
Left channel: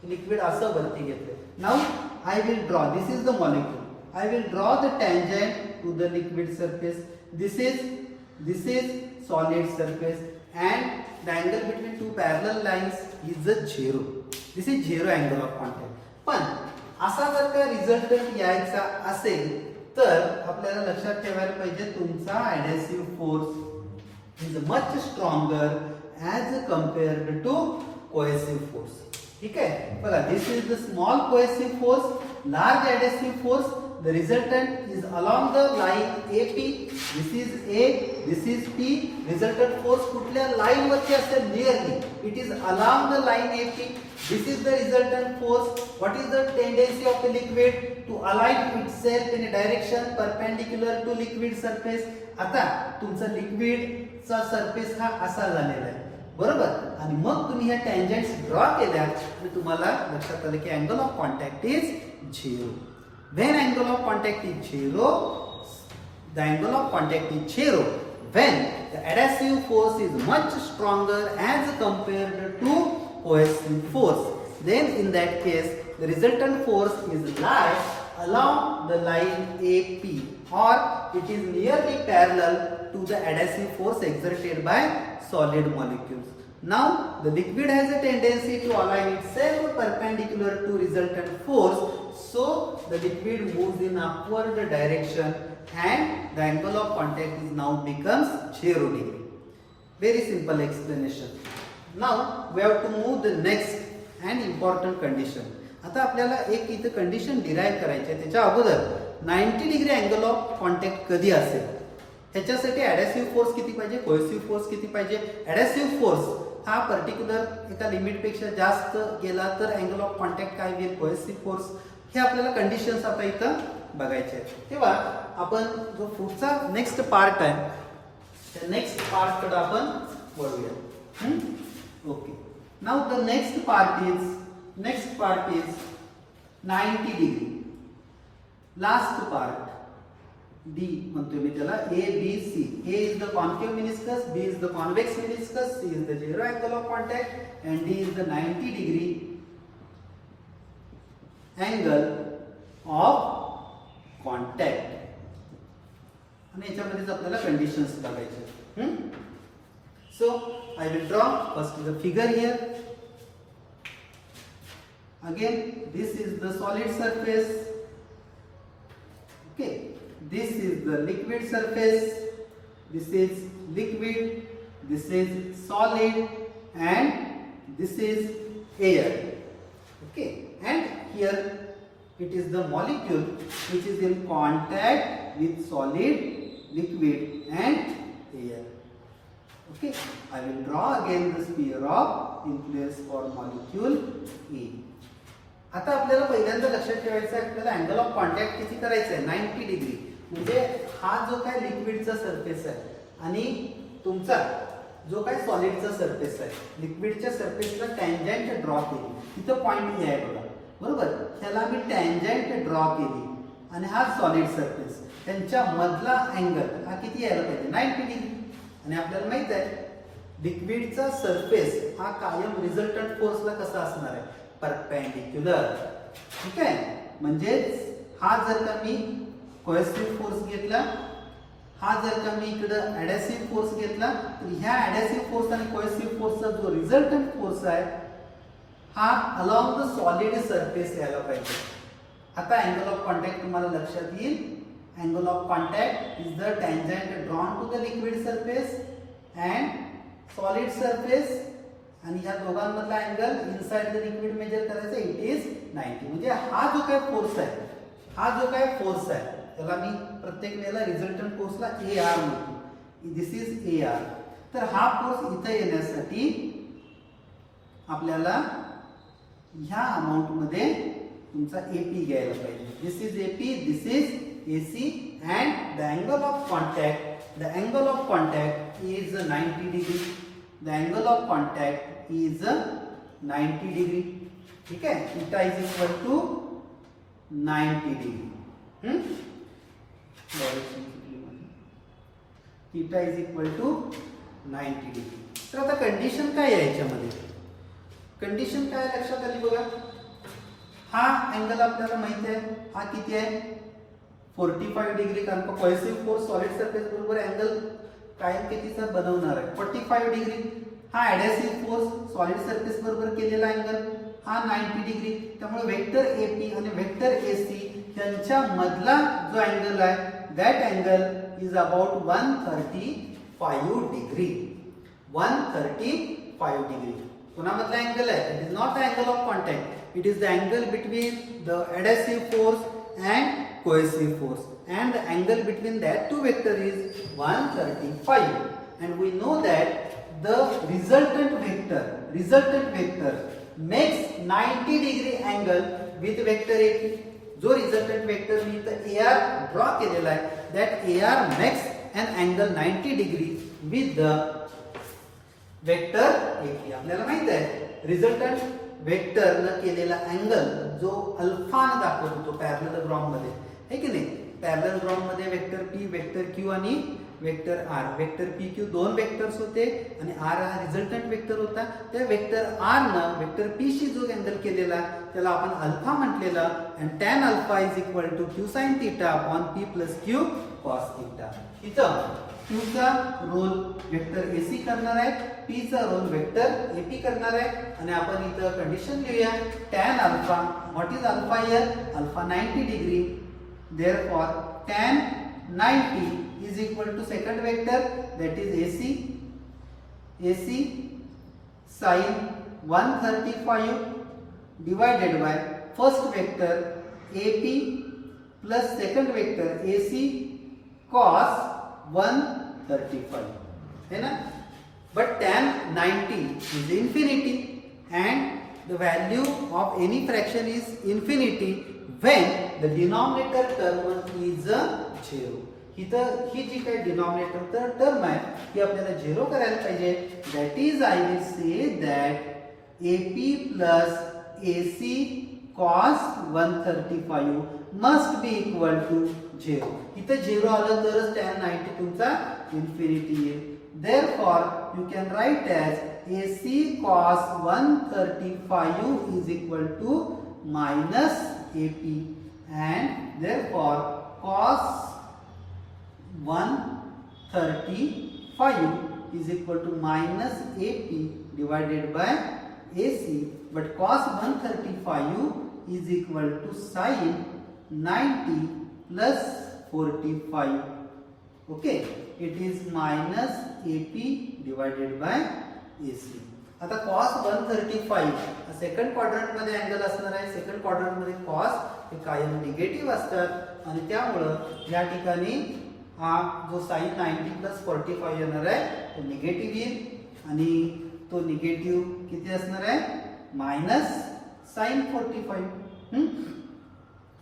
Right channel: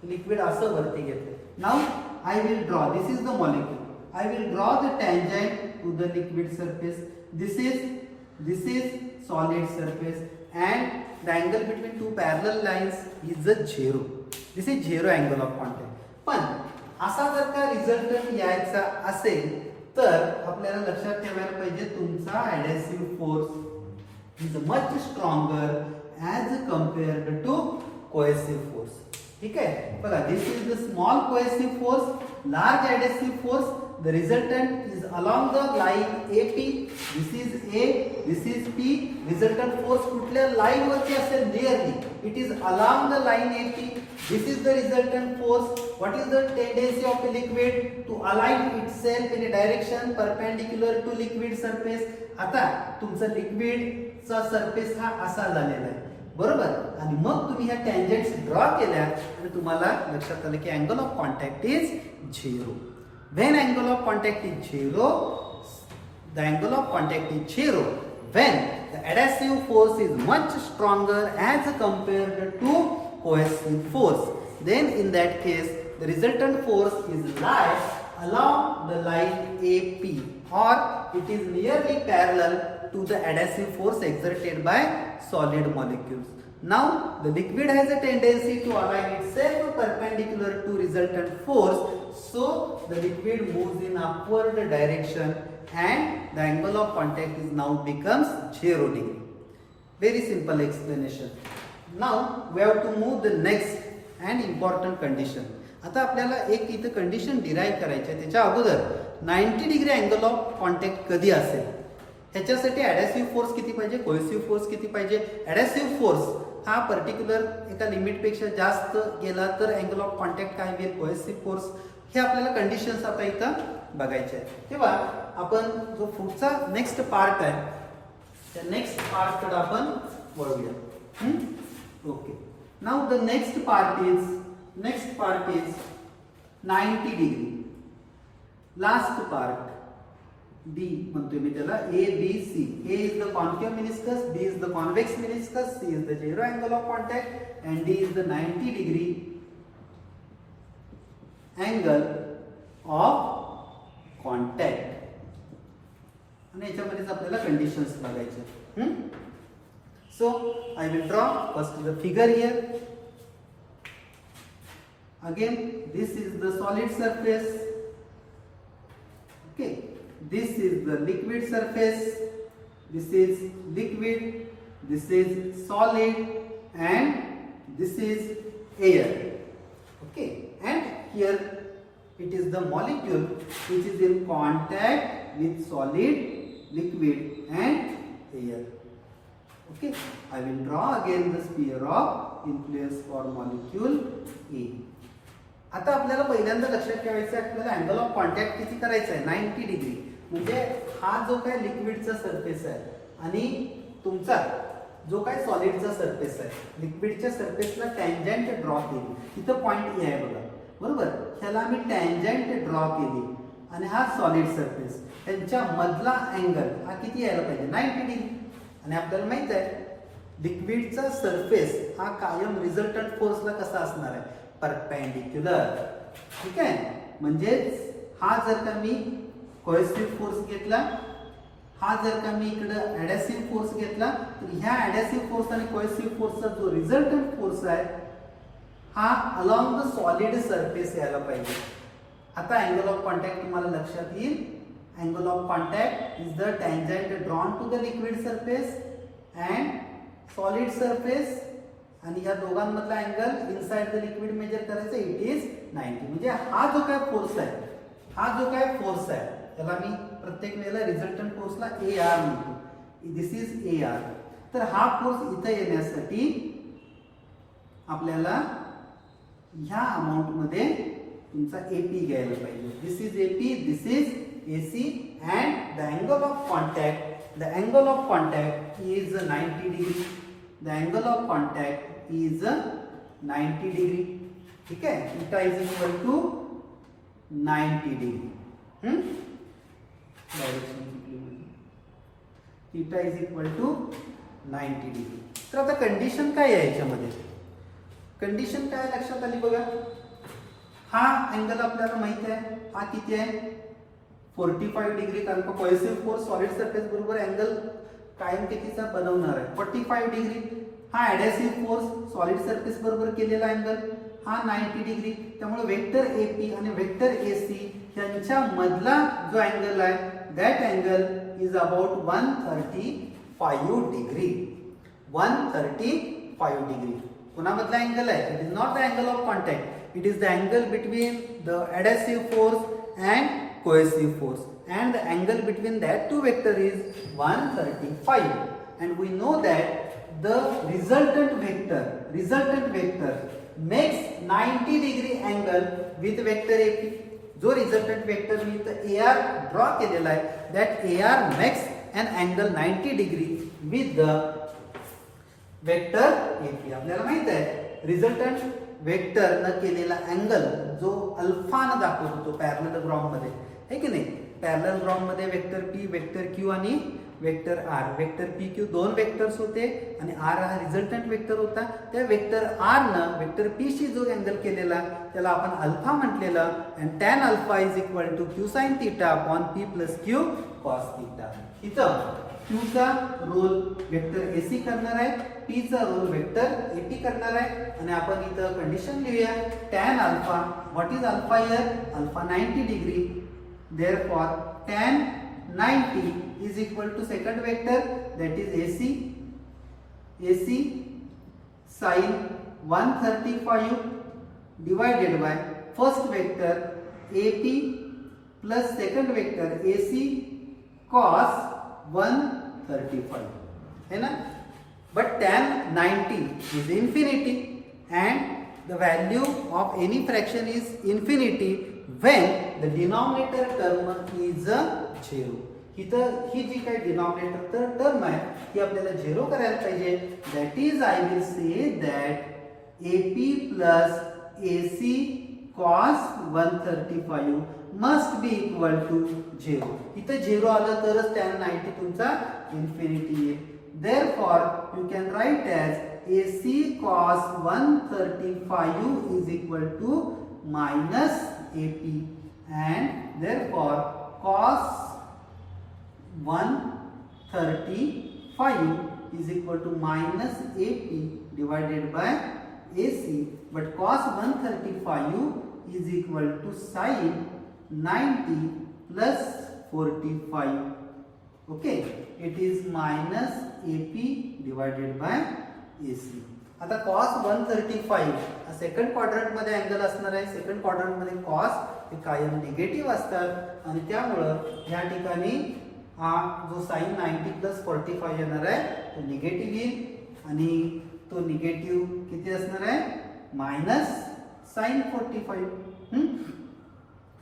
लिक्विड असं वरती घेतलं. Now I will draw, this is the molecule, I will draw the tangent to the liquid surface. This is solid surface and the angle between two parallel lines is the zero. This is zero angle of contact. पण असा जर का result यायचा असेल तर आपल्याला लक्षात ठेवायला पाहिजे तुमचा adhesive force is much stronger as compared to cohesive force. ठीक आहे, बघा, this is the small cohesive force, large adhesive force. The resultant is along the line AP. This is A, this is P. Resultant force कुठल्या line वरती असेल? Nearly. It is along the line AP. This is the resultant force. What is the tendency of a liquid to align itself in a direction perpendicular to liquid surface? आता तुमचा लिक्विडचा surface हा असा झालेला आहे, बरोबर. आणि मग तुम्ही ह्या टँजंट्स ड्रॉ केल्या आणि तुम्हाला लक्षात आलं की angle of contact is 0. When angle of contact is 0, the angle of contact is 0 when the adhesive force is much stronger as compared to cohesive force. Then in that case, the resultant force is lie along the line AP, or it is nearly parallel to the adhesive force exerted by solid molecules. Now the liquid has a tendency to align itself perpendicular to resultant force, so the liquid moves in upward direction and the angle of contact is now becomes 0 degree. Very simple explanation. Now we have to move the next and important condition. आता आपल्याला एक इथं condition derive करायची आहे. त्याच्या अगोदर 90 degree angle of contact कधी असेल, ह्याच्यासाठी ॲडॅसिव्ह फोर्स किती पाहिजे, कोहेसिव्ह फोर्स किती पाहिजे. ॲडॅसिव्ह फोर्स हा पर्टिक्युलर एका लिमिटपेक्षा जास्त गेला तर अँगल ऑफ कॉन्टॅक्ट काय होईल, कोहेसिव्ह फोर्स. हे आपल्याला कंडिशन्स आता इथं बघायचे आहेत. तेव्हा आपण जो पुढचा नेक्स्ट पार्ट आहे त्या नेक्स्ट पार्टकडे आपण वळूया. Okay, now the next part is 90 degree. Last part D म्हणतोय मी त्याला, A B C. A is the concave meniscus, B is the convex meniscus, C is the zero angle of contact and D is the 90 degree angle of contact. आणि याच्यामध्येच आपल्याला conditions बघायचे. So I will draw first the figure here. Again this is the solid surface. Okay, this is the liquid surface, this is liquid, this is solid and this is air. Okay, and here it is the molecule which is in contact with solid, liquid and air. Okay, I will draw again the sphere of influence for molecule A. आता आपल्याला पहिल्यांदा लक्षात ठेवायचं आहे, आपल्याला angle of contact किती करायचं आहे, 90 डिग्री. म्हणजे हा जो काय लिक्विडचा सरफेस आहे आणि तुमचा जो काय सॉलिडचा सरफेस आहे, लिक्विडच्या सरफेसला टँजंट ड्रॉ केली, तिथं पॉइंट ए आहे बघा, बरोबर. ह्याला मी टँजंट ड्रॉ केली आणि हा सॉलिड सरफेस, त्यांच्या मधला अँगल हा किती यायला पाहिजे, 90 डिग्री. आणि आपल्याला माहित आहे लिक्विडचा सरफेस हा कायम रिझल्टंट फोर्सला कसा असणार आहे, परपेंडिक्युलर. ठीक आहे, म्हणजे हा जर का मी कोहेसिव्ह फोर्स घेतला, हा जर का मी इकडं ॲडॅसिव्ह फोर्स घेतला, तर ह्या ॲडॅसिव्ह फोर्स आणि कोहेसिव्ह फोर्सचा जो रिझल्टंट फोर्स आहे हा अलॉंग द सॉलिड सरफेस यायला पाहिजे. आता अँगल ऑफ कॉन्टॅक्ट तुम्हाला लक्षात येईल. Angle of contact is the tangent drawn to the liquid surface and solid surface, आणि या दोघांमधला angle inside the liquid measure करायचा, इट इज 90. म्हणजे हा जो काय फोर्स आहे, हा जो काय फोर्स आहे त्याला मी प्रत्येक वेळेला रिझल्टंट फोर्सला AR म्हणतो. दिस इज AR. तर हा फोर्स इथं येण्यासाठी आपल्याला ह्या अमाउंट मध्ये तुमचा AP घ्यायला पाहिजे. This is AP, this is AC and the angle of contact is 90 degree. The angle of contact is 90 degree. ठीक है, theta is equal to 90 degree. Direction theta is equal to 90 degree. तर आता condition काय आहे याच्यामध्ये? Condition काय लक्षात आली बघा. हा अँगल आपल्याला माहित आहे, हा किती आहे 45 डिग्री, कारण का कोहेसिव्ह फोर्स सॉलिड सरफेस बरोबर अँगल कायम कितीचा बनवणार आहे 45 डिग्री. हा ऍडहेसिव्ह फोर्स सॉलिड सरफेस बरोबर केलेला अँगल हा 90 डिग्री. त्यामुळे वेक्टर AP आणि वेक्टर AC यांच्या मधला जो अँगल आहे that angle is about 135 degree. 135 degree. कोणामधला angle आहे? It is not the angle of contact. It is the angle between the adhesive force and cohesive force. And the angle between that two vector is 135. And we know that the resultant vector makes 90 degree angle with vector AP. जो resultant vector मी इथं AR draw केलेला आहे, that AR makes an angle 90 degree with the vector AP. आपल्याला माहित आहे resultant vector न केलेला angle जो अल्फा न दाखवतो तो पॅरलल ग्राउंड मध्ये आहे की नाही. पॅरलल ग्राउंड मध्ये वेक्टर P, वेक्टर Q आणि वेक्टर R. वेक्टर PQ दोन वेक्टर्स होते आणि R हा रिझल्टंट वेक्टर होता. त्या वेक्टर R न वेक्टर P शी जो अँगल केलेला त्याला आपण alpha म्हटलेला. and tan alpha is equal to q sin theta upon p plus q cos theta. इथं q चा रोल वेक्टर AC करणार आहे, p चा रोल वेक्टर AP करणार आहे. आणि आपण इथं कंडिशन लिहूया. tan alpha, what is alpha here? Alpha 90 degree. Therefore tan 90 is equal to second vector, that is AC sin 135 divided by first vector AP plus second vector AC cos 135 है ना. But tan 90 is infinity and the value of any fraction is infinity when the denominator term is 0. इथं ही जी काही denominator term आहे ती आपल्याला 0 करायला पाहिजे. That is I will say that AP plus AC cos 135 must be equal to 0. इथं 0 आलं तरच tan 90 तुमचा इन्फिनिटी येईल. Therefore you can write as AC cos 135 is equal to minus AP, and therefore cos 135 is equal to minus AP divided by AC, but cos 135 is equal to sin 90 plus 45. Okay, it is minus AP divided by AC. आता cos 135 second quadrant मध्ये angle असणार आहे. Second quadrant मध्ये cos हे कायम negative असतात आणि त्यामुळं या ठिकाणी हा जो sin 90 plus 45 येणार आहे तो निगेटिव्ह येईल आणि तो निगेटिव्ह किती असणार आहे मायनस sin 45.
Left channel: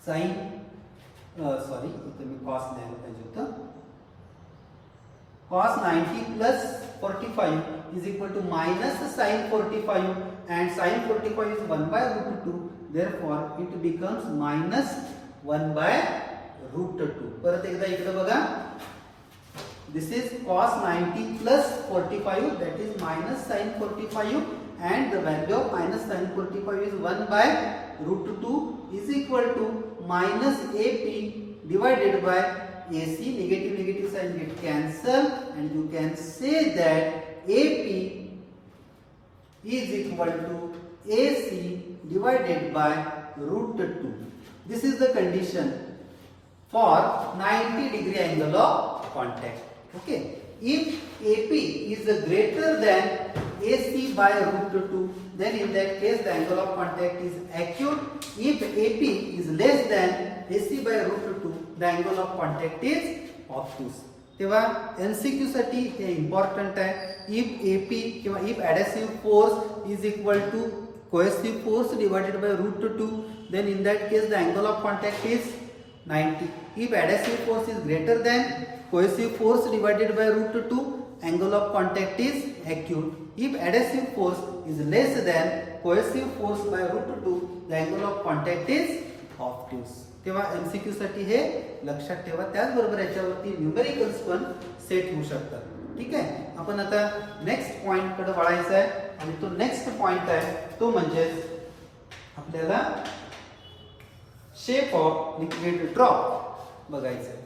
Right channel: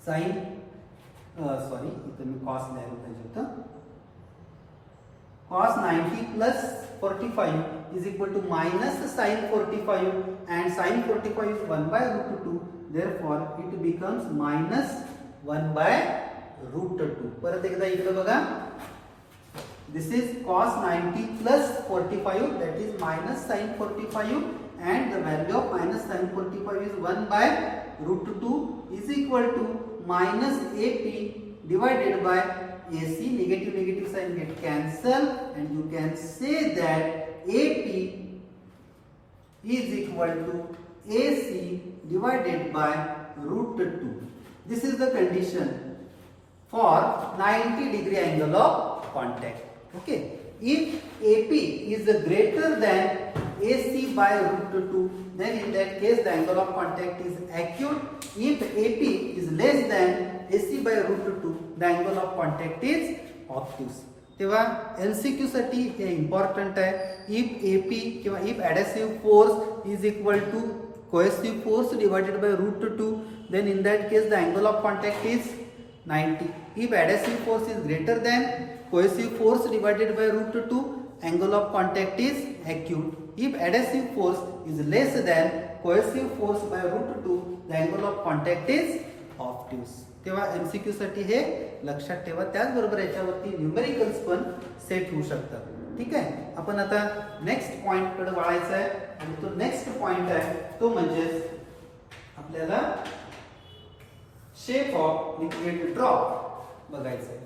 sin सॉरी इथं मी cos लिहायला पाहिजे होतं. cos 90 plus 45 is equal to minus sin 45, and sin 45 is 1 by root 2. Therefore it becomes minus 1 by root 2. परत एकदा इकडे बघा. This is cos 90 plus 45, that is minus sin 45, and the value of minus sin 45 is 1 by root 2 is equal to minus AP divided by AC. Negative sign get cancelled, and you can say that AP is equal to AC divided by root 2. This is the condition for 90 degree angle of contact. Okay, if AP is greater than AC by root 2, then in that case the angle of contact is acute. If AP is less than AC by root 2, the angle of contact is obtuse. तेव्हा MCQ साठी हे important आहे. if AP किंवा if adhesive force is equal to cohesive force divided by root 2, then in that case the angle of contact is 90. If adhesive force is greater than cohesive force divided by root 2, angle of contact is acute. If adhesive force is less than cohesive force by root 2, the angle of contact is obtuse. तेव्हा MCQ साठी हे लक्षात ठेवा. त्याचबरोबर याच्यावरती numericals पण set होऊ शकतात. ठीक आहे. आपण आता नेक्स्ट पॉइंट कडे वळायचं आहे आणि तो नेक्स्ट पॉइंट आहे तो म्हणजे आपल्याला शेप ऑफ लिक्विड ड्रॉप बघायचं आहे.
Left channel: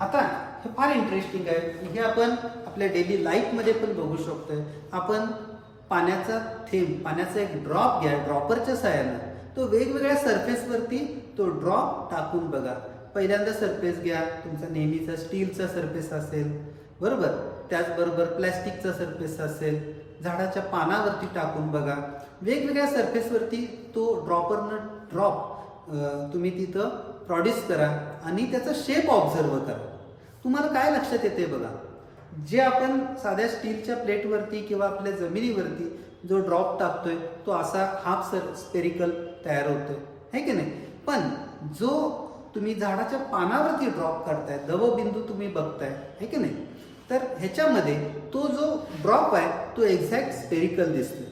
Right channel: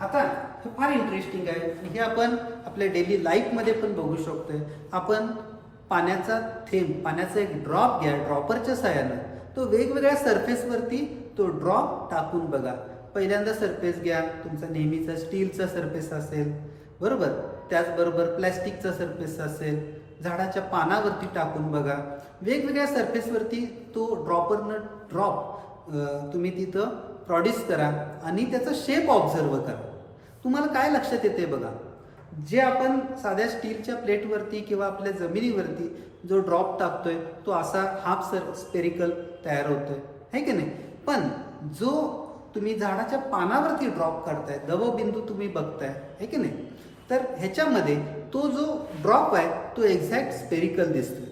आता हे फार इंटरेस्टिंग आहे. हे आपण आपल्या डेली लाईफमध्ये पण बघू शकतोय. आपण पाण्याचा थेंब, पाण्याचा एक ड्रॉप घ्या, ड्रॉपरच्या सहाय्यानं तो वेगवेगळ्या सरफेसवरती तो ड्रॉप टाकून बघा. पहिल्यांदा सरफेस घ्या, तुमचा नेहमीचा स्टीलचा सरफेस असेल, बरोबर. त्याचबरोबर प्लॅस्टिकचा सरफेस असेल, झाडाच्या पानावरती टाकून बघा. वेगवेगळ्या सरफेसवरती तो ड्रॉपरनं ड्रॉप तुम्ही तिथं प्रोड्यूस करा आणि त्याचा शेप ऑब्झर्व करा. तुम्हाला काय लक्षात येते बघा. जे आपण साध्या स्टीलच्या प्लेटवरती किंवा आपल्या जमिनीवरती जो ड्रॉप टाकतोय तो असा हाफ स्पेरिकल तयार होतोय, है की नाही. पण जो तुम्ही झाडाच्या पानावरती ड्रॉप करताय, दवबिंदू तुम्ही बघताय, है की नाही, तर ह्याच्यामध्ये तो जो ड्रॉप आहे तो एक्झॅक्ट स्पेरिकल दिसतोय.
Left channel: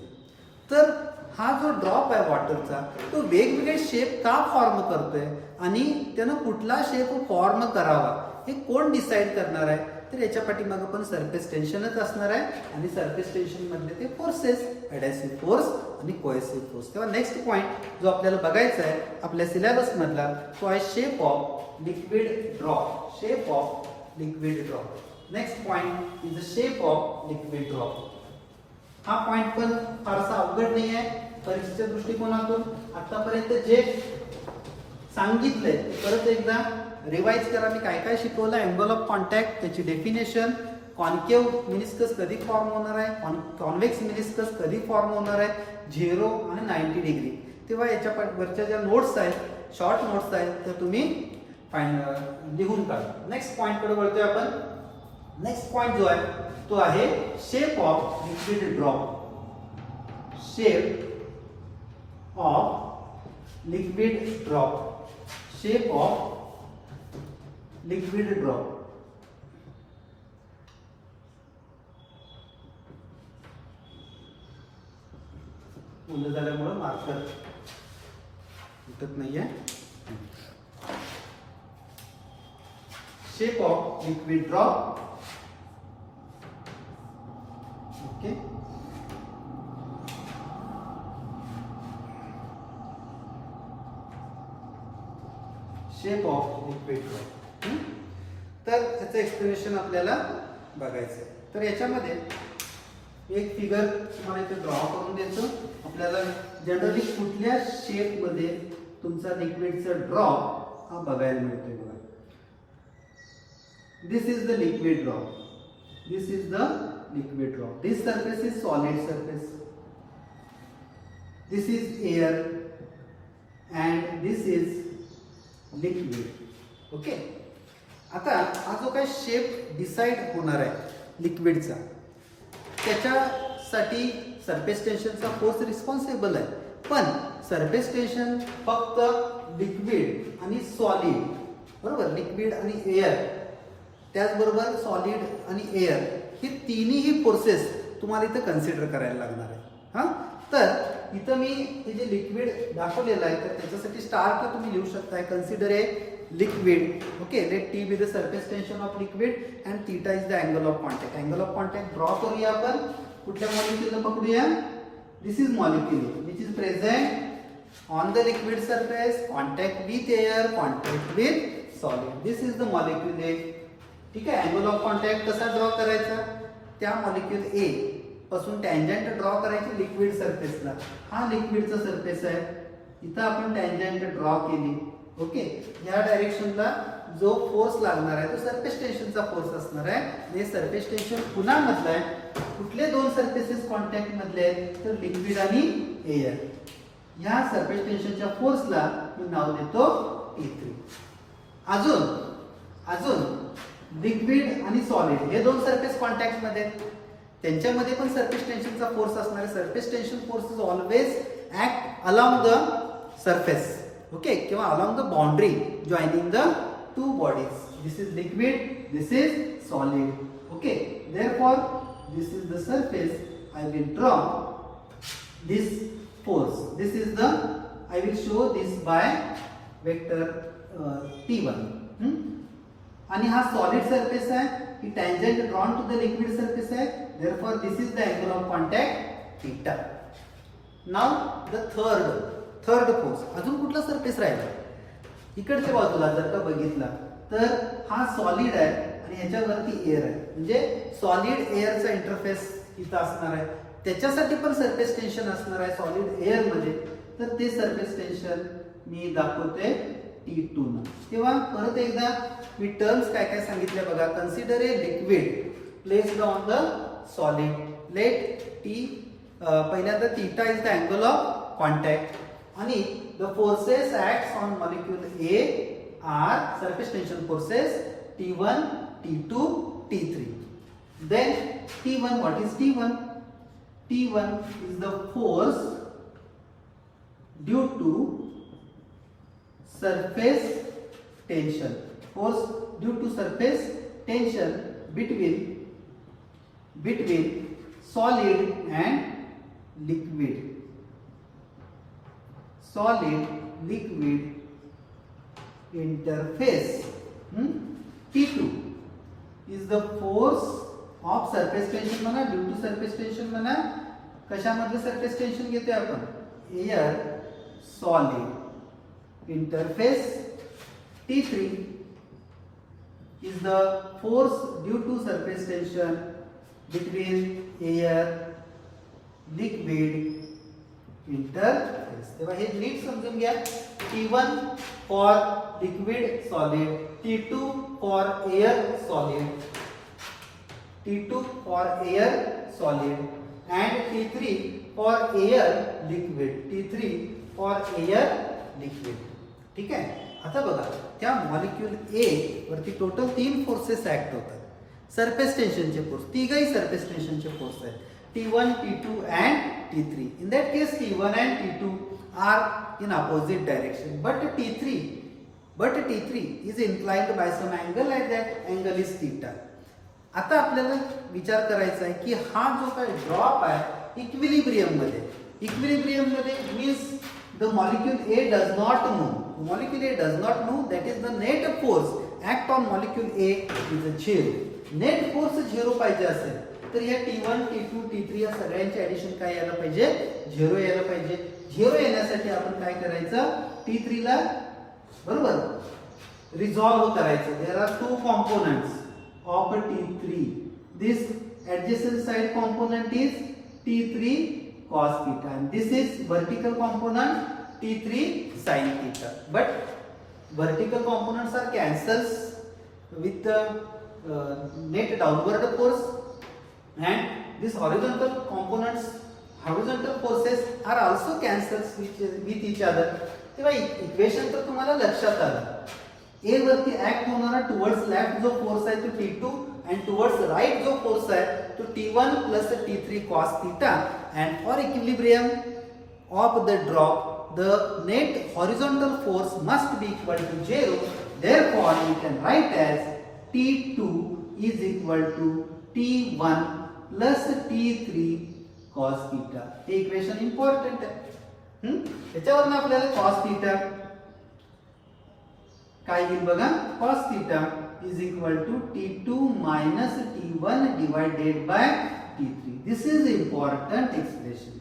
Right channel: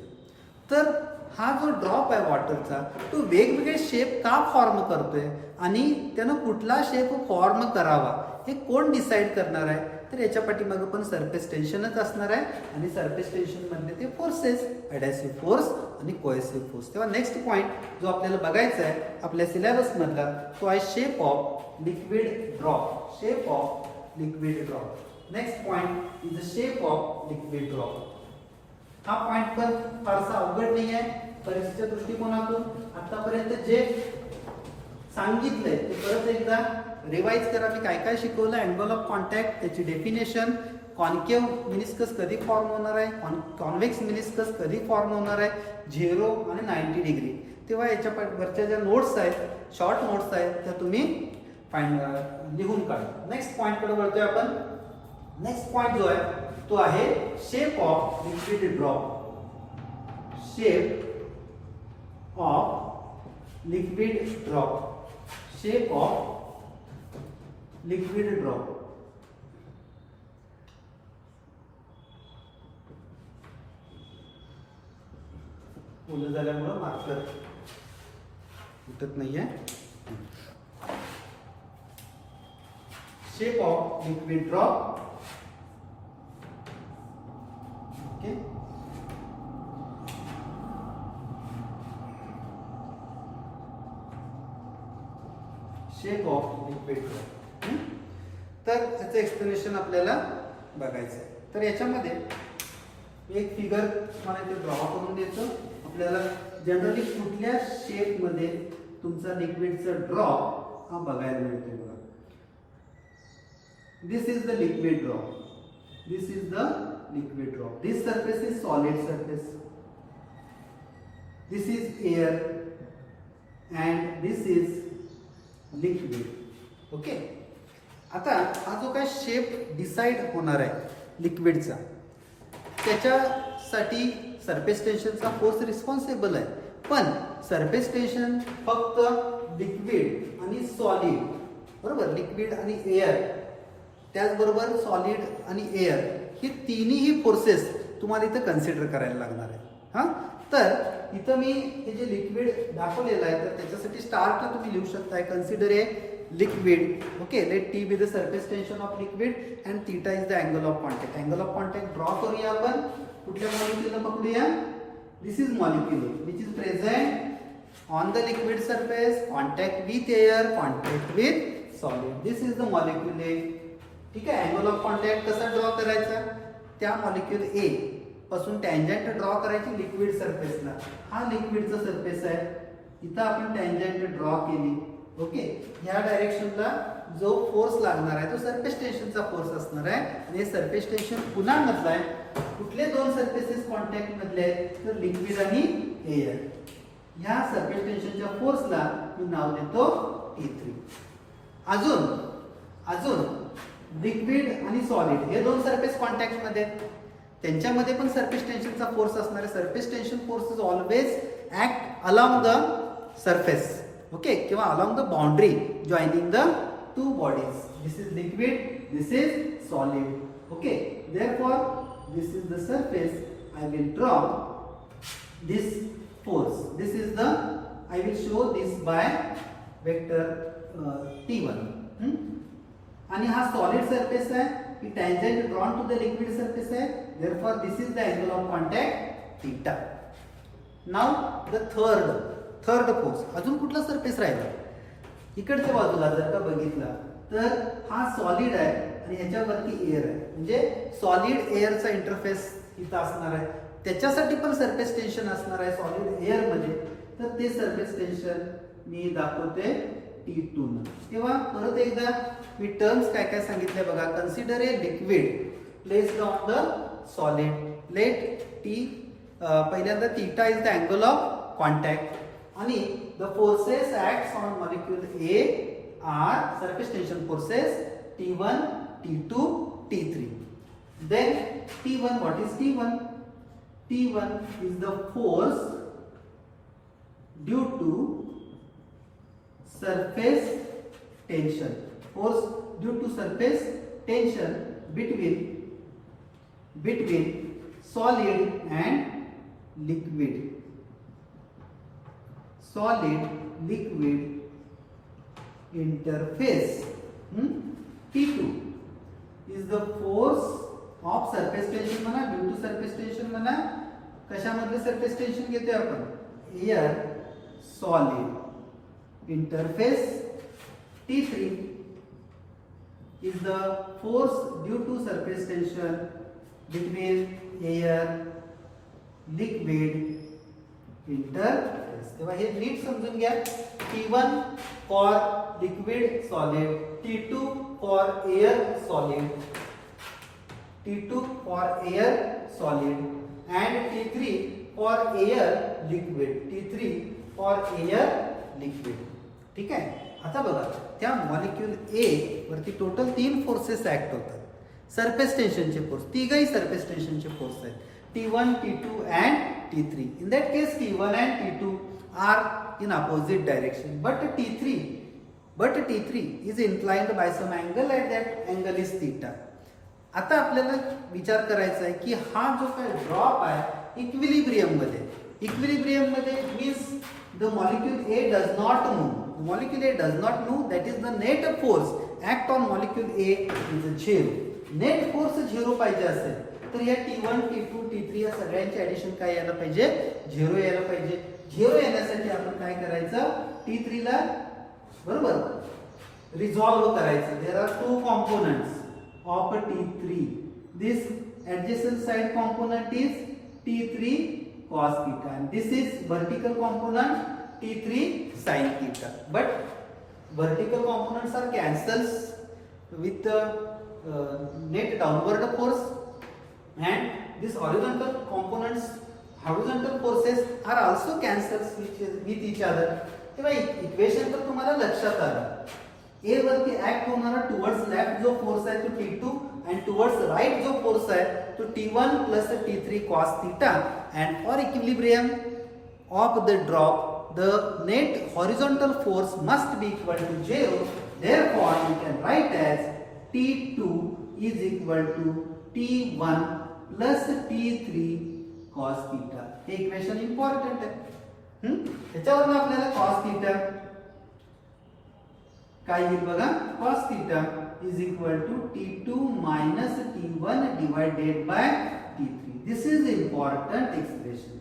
तर हा जो ड्रॉप आहे वॉटरचा तो वेगवेगळे शेप का फॉर्म करतोय आणि त्यानं कुठला शेप फॉर्म करावा हे कोण डिसाईड करणार आहे. तर याच्या पाठीमागं पण सरफेस टेन्शनच असणार आहे आणि सरफेस टेन्शन मधले ते फोर्सेस, ॲडॅसिव्ह फोर्स आणि कोएसिव्ह फोर्स. तेव्हा नेक्स्ट पॉईंट जो आपल्याला बघायचा आहे आपल्या सिलेबस मधला तो आहे shape of liquid drop. Shape of liquid drop. Next point is the shape of liquid drop. हा पॉइंट पण फारसा अवघड नाही आहे परीक्षेच्या दृष्टिकोनातून. आतापर्यंत जे सांगितलंय ते परत एकदा रिवाइज करा. मी काय काय शिकवलं. अँगल ऑफ कॉन्टॅक्ट, त्याची डेफिनेशन, कॉन्केव्ह मिनिस्कस कधी फॉर्म होणार आहे, कॉन्व्हेक्स मिनिस्कस कधी फॉर्म होणार आहे, 0 आणि 90 डिग्री. तेव्हा याच्या वरच्या ज्या नोट्स आहेत, शॉर्ट नोट्स आहेत, त्या तुम्ही लिहून काढा. नेक्स्ट पॉइंट कडे वळतोय आपण. नेक्स्ट पॉइंट जो आहे तो आहे shape of liquid drop. Shape of liquid drop. Shape of liquid drop. मुलं झाल्यामुळं मार्कर उठत नाहीये. Shape of liquid drop. Okay. Shape of liquid drop. तर त्याचं एक्सप्लेनेशन आपल्याला बघायचं आहे. तर याच्यामध्ये एक फिगर मला इथे ड्रॉ करून द्यायचं. आपल्याला जनरली कुठल्या शेपमध्ये तुमचा लिक्विडचा ड्रॉप हा बघायला मिळतोय बघा. This is the liquid drop. This is the liquid drop. This surface is solid surface. This is air and this is liquid. Okay. आता हा जो काय शेप डिसाइड होणार आहे लिक्विडचा त्याच्यासाठी सरफेस टेन्शनचा फोर्स रिस्पॉन्सिबल आहे. पण सरफेस टेन्शन फक्त लिक्विड आणि सॉलिड, बरोबर, लिक्विड आणि एअर, त्याचबरोबर सॉलिड आणि एअर हे तिन्ही फोर्सेस तुम्हाला इथं कन्सिडर करायला लागणार आहे. हां, तर इथं मी हे जे लिक्विड दाखवलेलं आहे तर त्याच्यासाठी स्टार्टला तुम्ही लिहू शकताय consider a liquid. Okay. Let T be the surface tension of liquid and theta is the angle of contact. Angle of contact draw करूया आपण. कुठल्या मॉलिक्यूलला पकडूया. This is molecule which is present on the liquid surface, contact with air, contact with solid. This is the molecule A. ठीक आहे. Angle of contact कसा draw करायचा. त्या मॉलिक्यूल ए पासून टँजंट ड्रॉ करायची लिक्विड सरफेसला. हा लिक्विडचा सरफेस आहे. इथं आपण टँजंट ड्रॉ केली. ओके. या डायरेक्शनला जो फोर्स लागणार आहे तो सरफेस टेन्शनचा फोर्स असणार आहे. आणि सरफेस टेन्शन पुन्हा मधला आहे. कुठले दोन सरफेसेस कॉन्टॅक्ट मधले आहेत तर लिक्विड आणि एअर. ह्या सरफेस टेन्शनच्या फोर्सला मी नाव देतो T3. अजून लिक्विड आणि सॉलिड हे दोन सरफेस कॉन्टॅक्ट मध्ये आहेत. त्यांच्यामध्ये पण सरफेस टेन्शनचा फोर्स असणार आहे. Surface tension force is always act along the surface. Okay. किंवा along the boundary joining the two bodies. This is liquid, this is solid. Okay. Therefore, this is the surface. I will draw this force. This is the, I will show this by vector T1. आणि हा solid surface आहे. की tangent drawn to the liquid surface आहे, therefore this is the angle of contact theta. Now the third force, अजून कुठला surface राहिला? इकडच्या बाजूला जर का बघितला तर हा सॉलिड आहे आणि ह्याच्यावरती एअर आहे, म्हणजे सॉलिड एअरचा इंटरफेस इथं असणार आहे, त्याच्यासाठी पण सरफेस टेन्शन असणार आहे सॉलिड एअर मध्ये. तर ते सरफेस टेन्शन मी दाखवते T2 न. तेव्हा परत एकदा मी टर्म्स काय काय सांगितले बघा. Consider a liquid placed on the solid, let T पहिल्यांदा theta is the angle of contact आणि the forces acts on molecule A are surface tension forces T1, T2, T3. Then T1, what is T1? T1 is the force due to surface tension. Force due to surface tension between solid and liquid. Solid liquid interface. T2 is the force of surface tension म्हणा, due to surface tension म्हणा. कशामधलं surface tension घेतोय आपण? Air solid interface. T3 is the force due to surface tension between air liquid interface. तेव्हा हे नीट समजून घ्या. T1 for liquid solid, T2 for air solid, T2 for air solid and T3 for air liquid, T3 for air liquid. ठीक आहे. आता बघा त्या molecule ए वरती टोटल 3 फोर्सेस ऍक्ट होतात. सरफेस टेन्शनचे फोर्स, तिघही सरफेस टेन्शनचे फोर्स आहेत, T1, T2 and T3. In that case T1 and T2 are in opposite direction, but T3 is inclined by some angle, at that angle is theta. आता आपल्याला विचार करायचा आहे की हा जो काय ड्रॉप आहे इक्विलिब्रियम मध्ये means the molecule A does not move. The molecule A does not move. That is the net force act on molecule A is 0. Net force 0 पाहिजे असेल तर या T1, T2, T3 या सगळ्यांचे ऍडिशन काय यायला पाहिजे? 0 यायला पाहिजे. 0 येण्यासाठी आपण काय करायचं? T3 ला बरोबर रिझॉल्व करायचं. There are two components of T3. This adjacent side component is T3 cos theta and this is vertical component T3 sin theta, but vertical components are cancels with the net downward force and this horizontal components, horizontal forces are also cancels with each other. तेव्हा equation तर तुम्हाला लक्षात आलं. ए वरती act होणारा towards left जो force आहे तो T2 and towards right जो फोर्स आहे तो T1 plus T3 cos theta, and for equilibrium of the drop the net horizontal force must be equal to 0. Therefore we can write as T2 is equal to T1 plus T3 cos theta. हे equation important आहे. त्याच्यावरून आपल्याला cos theta काय येईल बघा. cos theta is equal to T2 minus T1 divided by T3. This is the important expression.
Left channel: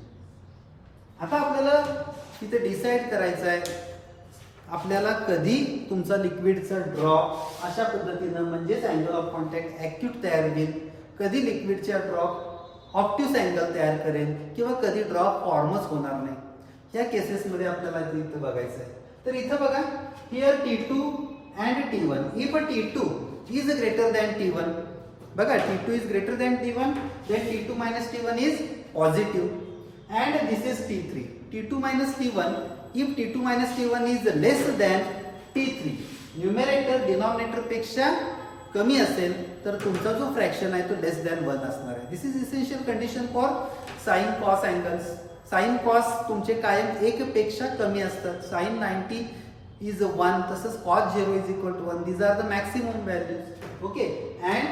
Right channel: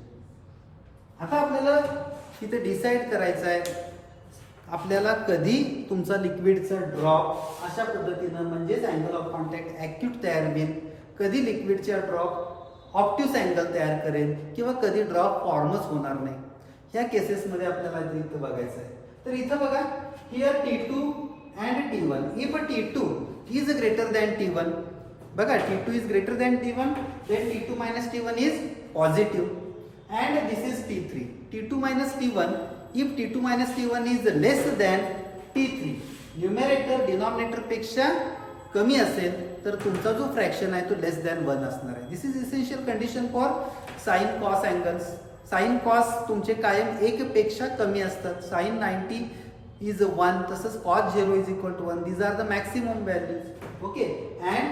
आता आपल्याला इथे डिसाइड करायचं आहे आपल्याला कधी तुमचा लिक्विडचा ड्रॉप अशा पद्धतीनं म्हणजेच अँगल ऑफ कॉन्टॅक्ट ऍक्यूट तयार होईल, कधी लिक्विडचा ड्रॉप ऑप्ट्यूस अँगल तयार करेल किंवा कधी ड्रॉप फॉर्मच होणार नाही. ह्या केसेसमध्ये आपल्याला इथं बघायचं आहे. तर इथं बघा here T2 and T1. If T2 is greater than T1, बघा T2 is greater than T1, then T2 minus T1 is positive, and this is T3. T2 minus T1. If T2 minus T1 is less than T3, numerator denominator पेक्षा कमी असेल तर तुमचा जो fraction आहे तो लेस than 1 असणार आहे. This is essential condition for sine cos angles. Sine cos तुमचे कायम 1 पेक्षा कमी असतात. साइन 90 is 1, तसंच cos 0 is equal to 1. These are the maximum values. Okay, and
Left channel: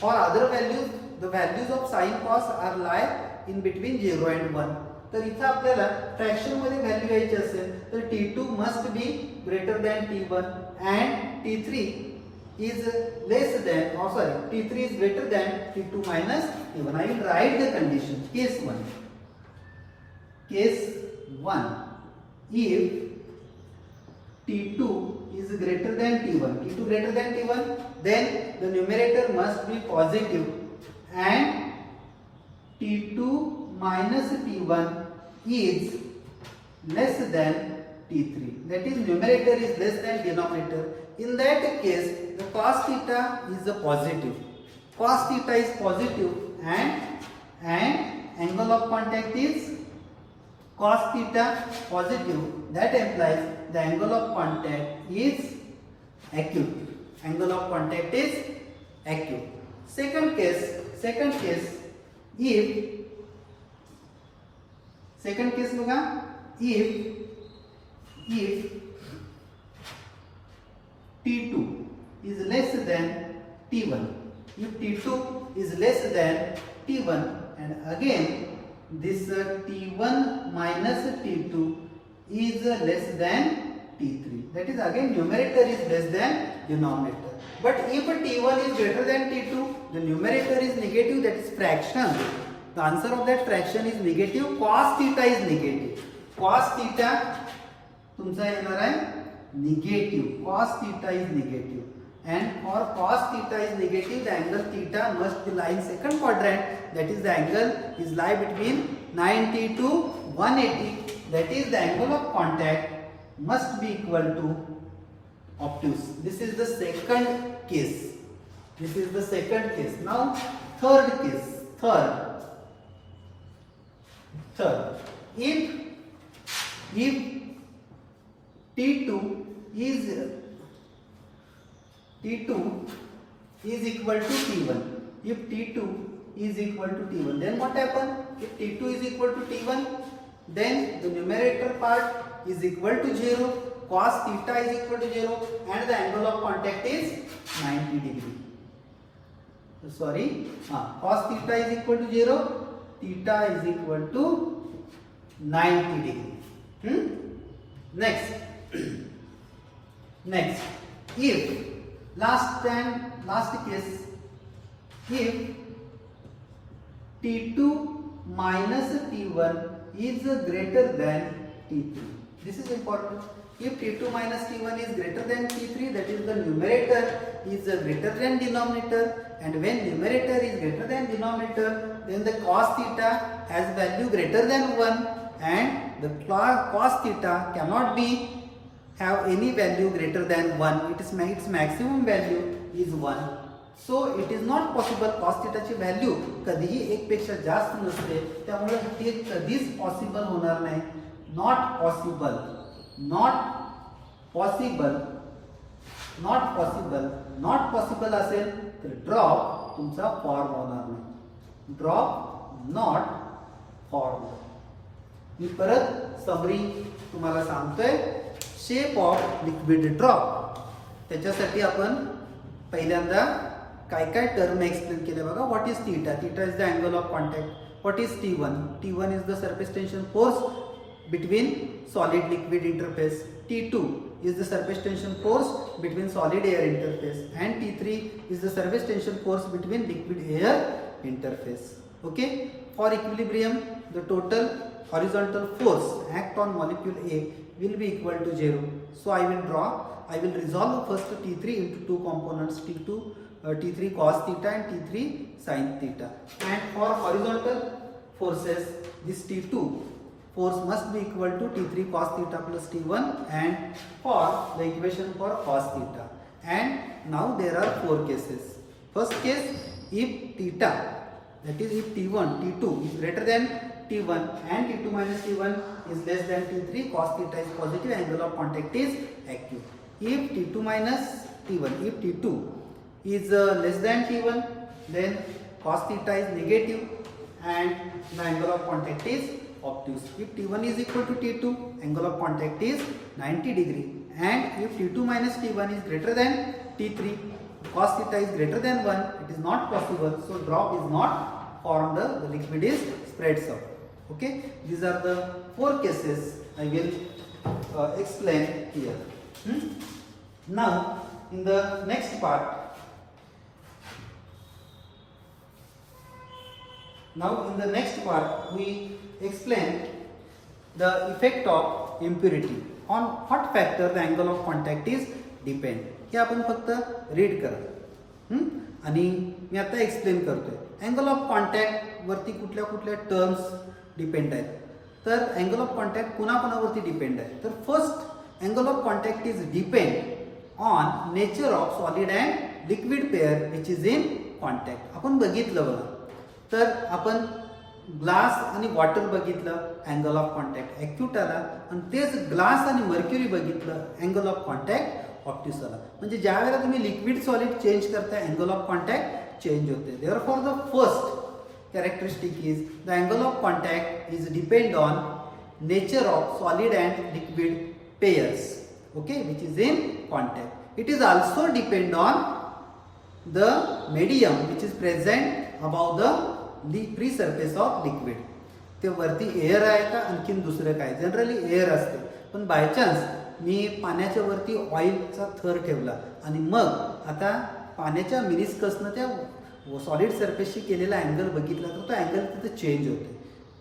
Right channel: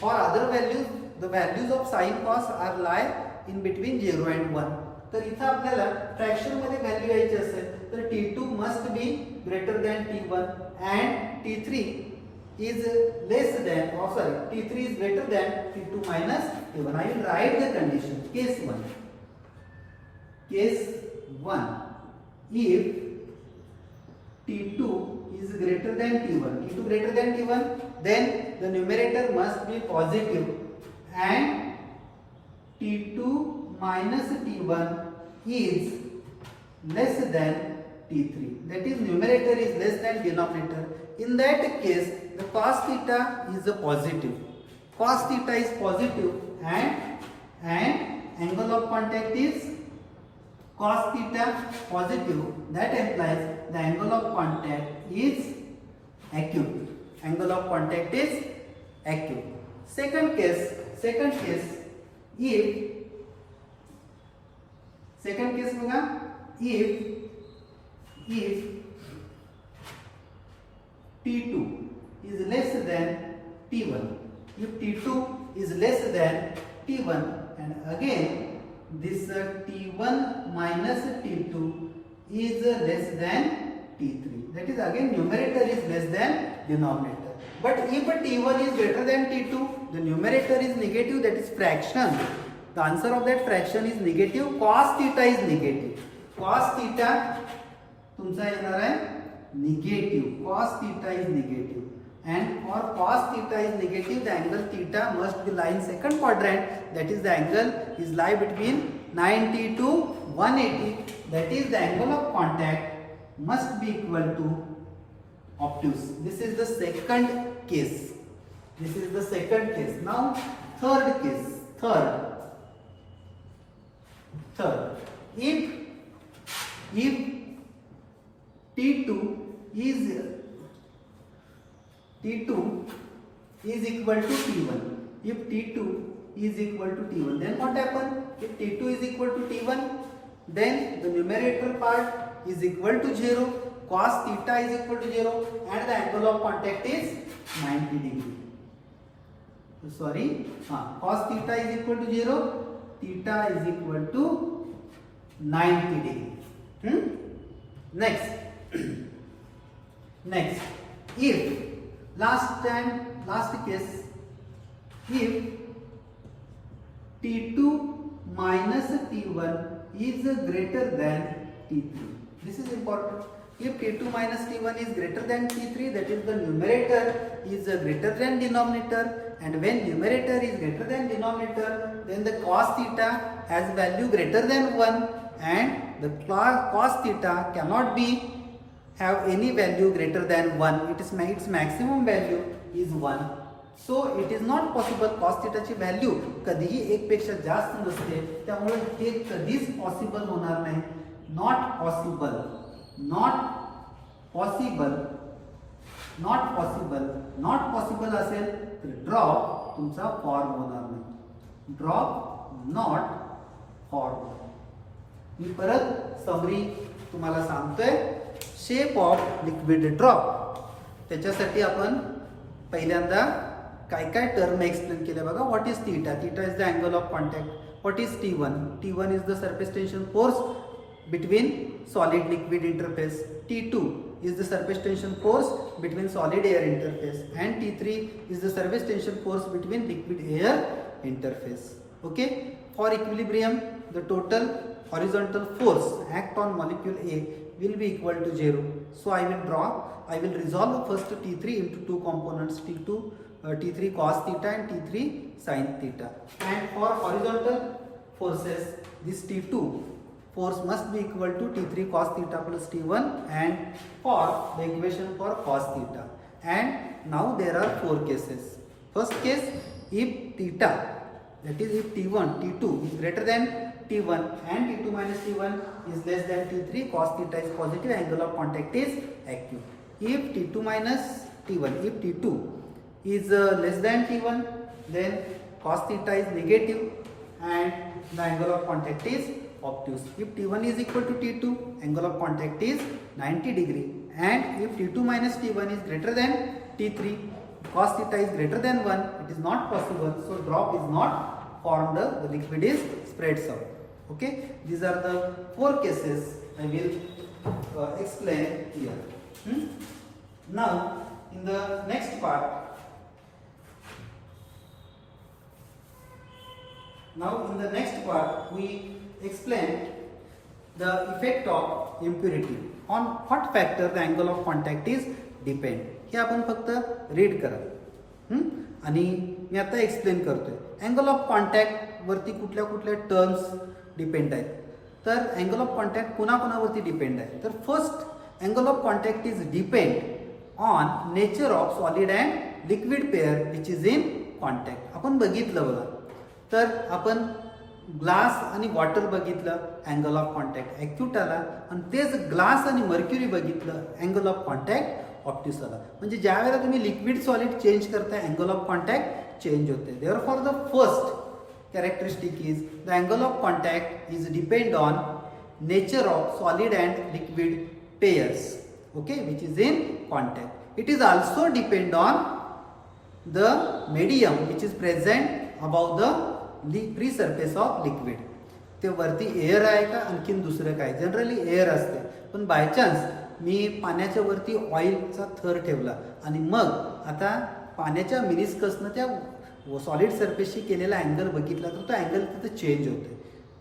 for other values the values of sin cos are lie in between 0 and 1. तर इथं आपल्याला fraction मध्ये व्हॅल्यू घ्यायची असेल तर T2 must be greater than T1 and T3 is less than, or sorry, T3 is greater than T2 minus T1. I will write the condition. Case 1. Case 1. If T2 is greater than T1, T2 greater than T1, then the numerator must be positive and T2 minus T1 is less than T3. That is, numerator is less than denominator. In that case, the cos theta is a positive. Cos theta is positive and angle of contact is cos theta positive. That implies the angle of contact is acute. Angle of contact is acute. Second case, if T2 is less than T1, if T2 is less than T1, and again this T1 minus T2 is less than T3, that is again numerator is less than denominator. But if T1 is greater than T2, the numerator is negative, that is fraction. The answer of that fraction is negative. Cos theta is negative. Cos theta तुमचा येणार आहे negative. Cos theta is negative. And for cos theta is negative, the angle theta must be lie in second quadrant. That is, the angle is lie between 90 to 180. That is, the angle of contact must be equal to obtuse. This is the second case. Now, third case. Third. If T2 is equal to T1. If T2 is equal to T1, then what happens? If T2 is equal to T1, then the numerator part is equal to 0, cos theta is equal to 0, and the angle of contact is 90 degree. Cos theta is equal to 0, theta is equal to 90 degree. Next, if last case, if T2 minus T1 is greater than T3. This is important. If T2 minus T1 is greater than T3, that is, the numerator is greater than denominator, and when numerator is greater than denominator, then the cos theta has value greater than 1, and the cos theta cannot have any value greater than 1. Its maximum value is 1. So it is not possible. Cos theta ची value कधीही 1 पेक्षा जास्त नसते, त्यामुळे हे कधीच possible होणार नाही. नॉट पॉसिबल असेल तर ड्रॉप तुमचा फॉर्म होणार नाही. Drop not form. मी परत समरी तुम्हाला सांगतोय. शेप ऑफ लिक्विड ड्रॉप, त्याच्यासाठी आपण पहिल्यांदा काय टर्म एक्सप्लेन केले बघा. What is theta? Theta is the angle of contact. What is T1? T1 is the surface tension force between solid liquid interface. T2 is the surface tension force between solid air interface, and T3 is the surface tension force between liquid air interface. Okay, for equilibrium the total horizontal force act on molecule A will be equal to 0. So I will resolve first T3 into two components, T3 cos theta and T3 sin theta. And for horizontal forces, this T2 force must be equal to T3 cos theta plus T1, and for the equation for cos theta. And now there are 4 cases. First case, if theta, that is if T2 is greater than T1 and T2 minus T1 is less than T3, cos theta is positive, angle of contact is acute. If T2 minus T1, if T2 is less than T1, then cos theta is negative and the angle of contact is obtuse. If T1 is equal to T2, angle of contact is 90 degree, and if T2 minus T1 is greater than T3, cos theta is greater than 1, it is not possible, so drop is not formed, the liquid is spreads out. Okay, these are the 4 cases I will explain here. Now in the next part, we explain the effect of impurity. On what factor the angle of contact is depend. हे आपण फक्त read करा आणि मी आता explain करतोय. Angle of contact वरती कुठल्या कुठल्या टर्म्स डिपेंड आहेत. तर अँगल ऑफ कॉन्टॅक्ट कोणाकोणावरती डिपेंड आहे. तर first angle of contact is depend on nature of solid and liquid pair which is in contact. आपण बघितलं बघा. तर आपण ग्लास आणि वॉटर बघितलं अँगल ऑफ कॉन्टॅक्ट ॲक्यूट आला आणि तेच ग्लास आणि मर्क्युरी बघितलं अँगल ऑफ कॉन्टॅक्ट ऑप्टिस आला. म्हणजे ज्या वेळेला तुम्ही लिक्विड सॉलिड चेंज करताय अँगल ऑफ कॉन्टॅक्ट चेंज होते. Therefore the first characteristic is the angle of contact is depend on nature of solid and liquid pairs, okay, which is in contact. It is also depend on the medium which is present above the free surface of liquid. ते वरती air आहे का आणखीन दुसरं काय. Generally air असते, पण by chance मी पाण्याच्या वरती ऑइलचा थर ठेवला आणि मग आता पाण्याच्या मिनिस्कसनं त्या सॉलिड सरफेसशी केलेला अँगल बघितला तर तो अँगल तिथं चेंज होते.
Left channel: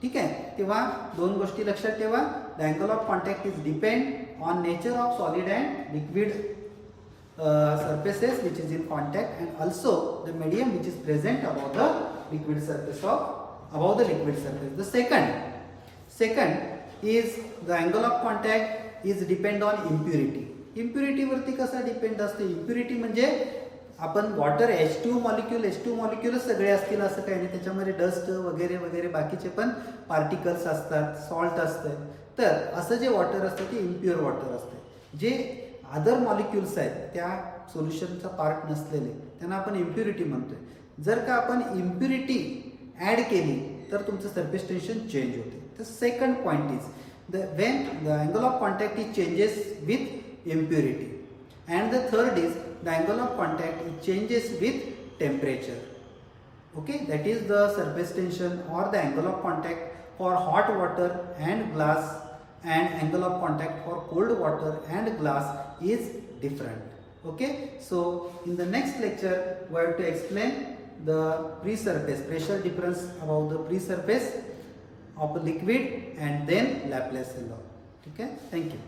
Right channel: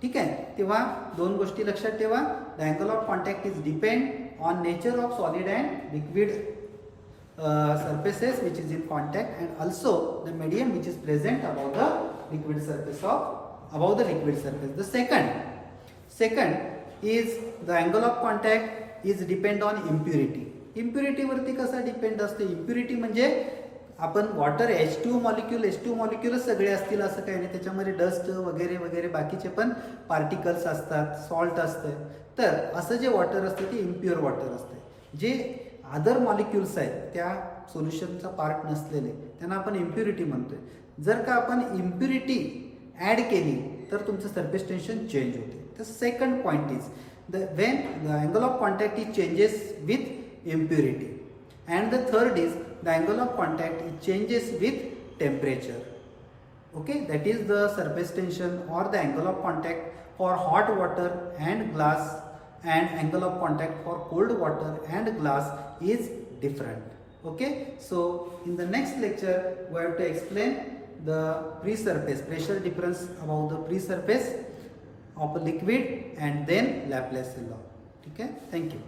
ठीक आहे. तेव्हा दोन गोष्टी लक्षात ठेवा. The angle of contact is depend on nature of solid and liquid surfaces which is in contact and also the medium which is present above the liquid surface The second is the angle of contact is depend on impurity. impurity वरती कसा depend असते. impurity म्हणजे आपण water H2 molecule सगळे असतील असं काही नाही. त्याच्यामध्ये डस्ट वगैरे वगैरे बाकीचे पण पार्टिकल्स असतात, सॉल्ट असते. तर असं जे वॉटर असते ते इम्प्युअर वॉटर असते. जे अदर मॉलिक्युल्स आहेत त्या सोल्युशनचा पार्ट नसलेले त्यांना आपण इम्प्युरिटी म्हणतोय. जर का आपण इम्प्युरिटी ॲड केली तर तुमचं सरफेस टेन्शन चेंज होते. तर second point is when the angle of contact is changes with impurity, and the third is the angle of contact it changes with temperature. Okay, that is the surface tension or the angle of contact for hot water and glass, and angle of contact for cold water and glass is different. Okay, so in the next lecture we have to explain the free surface pressure difference about the free surface of a liquid and then Laplace law. Okay, thank you.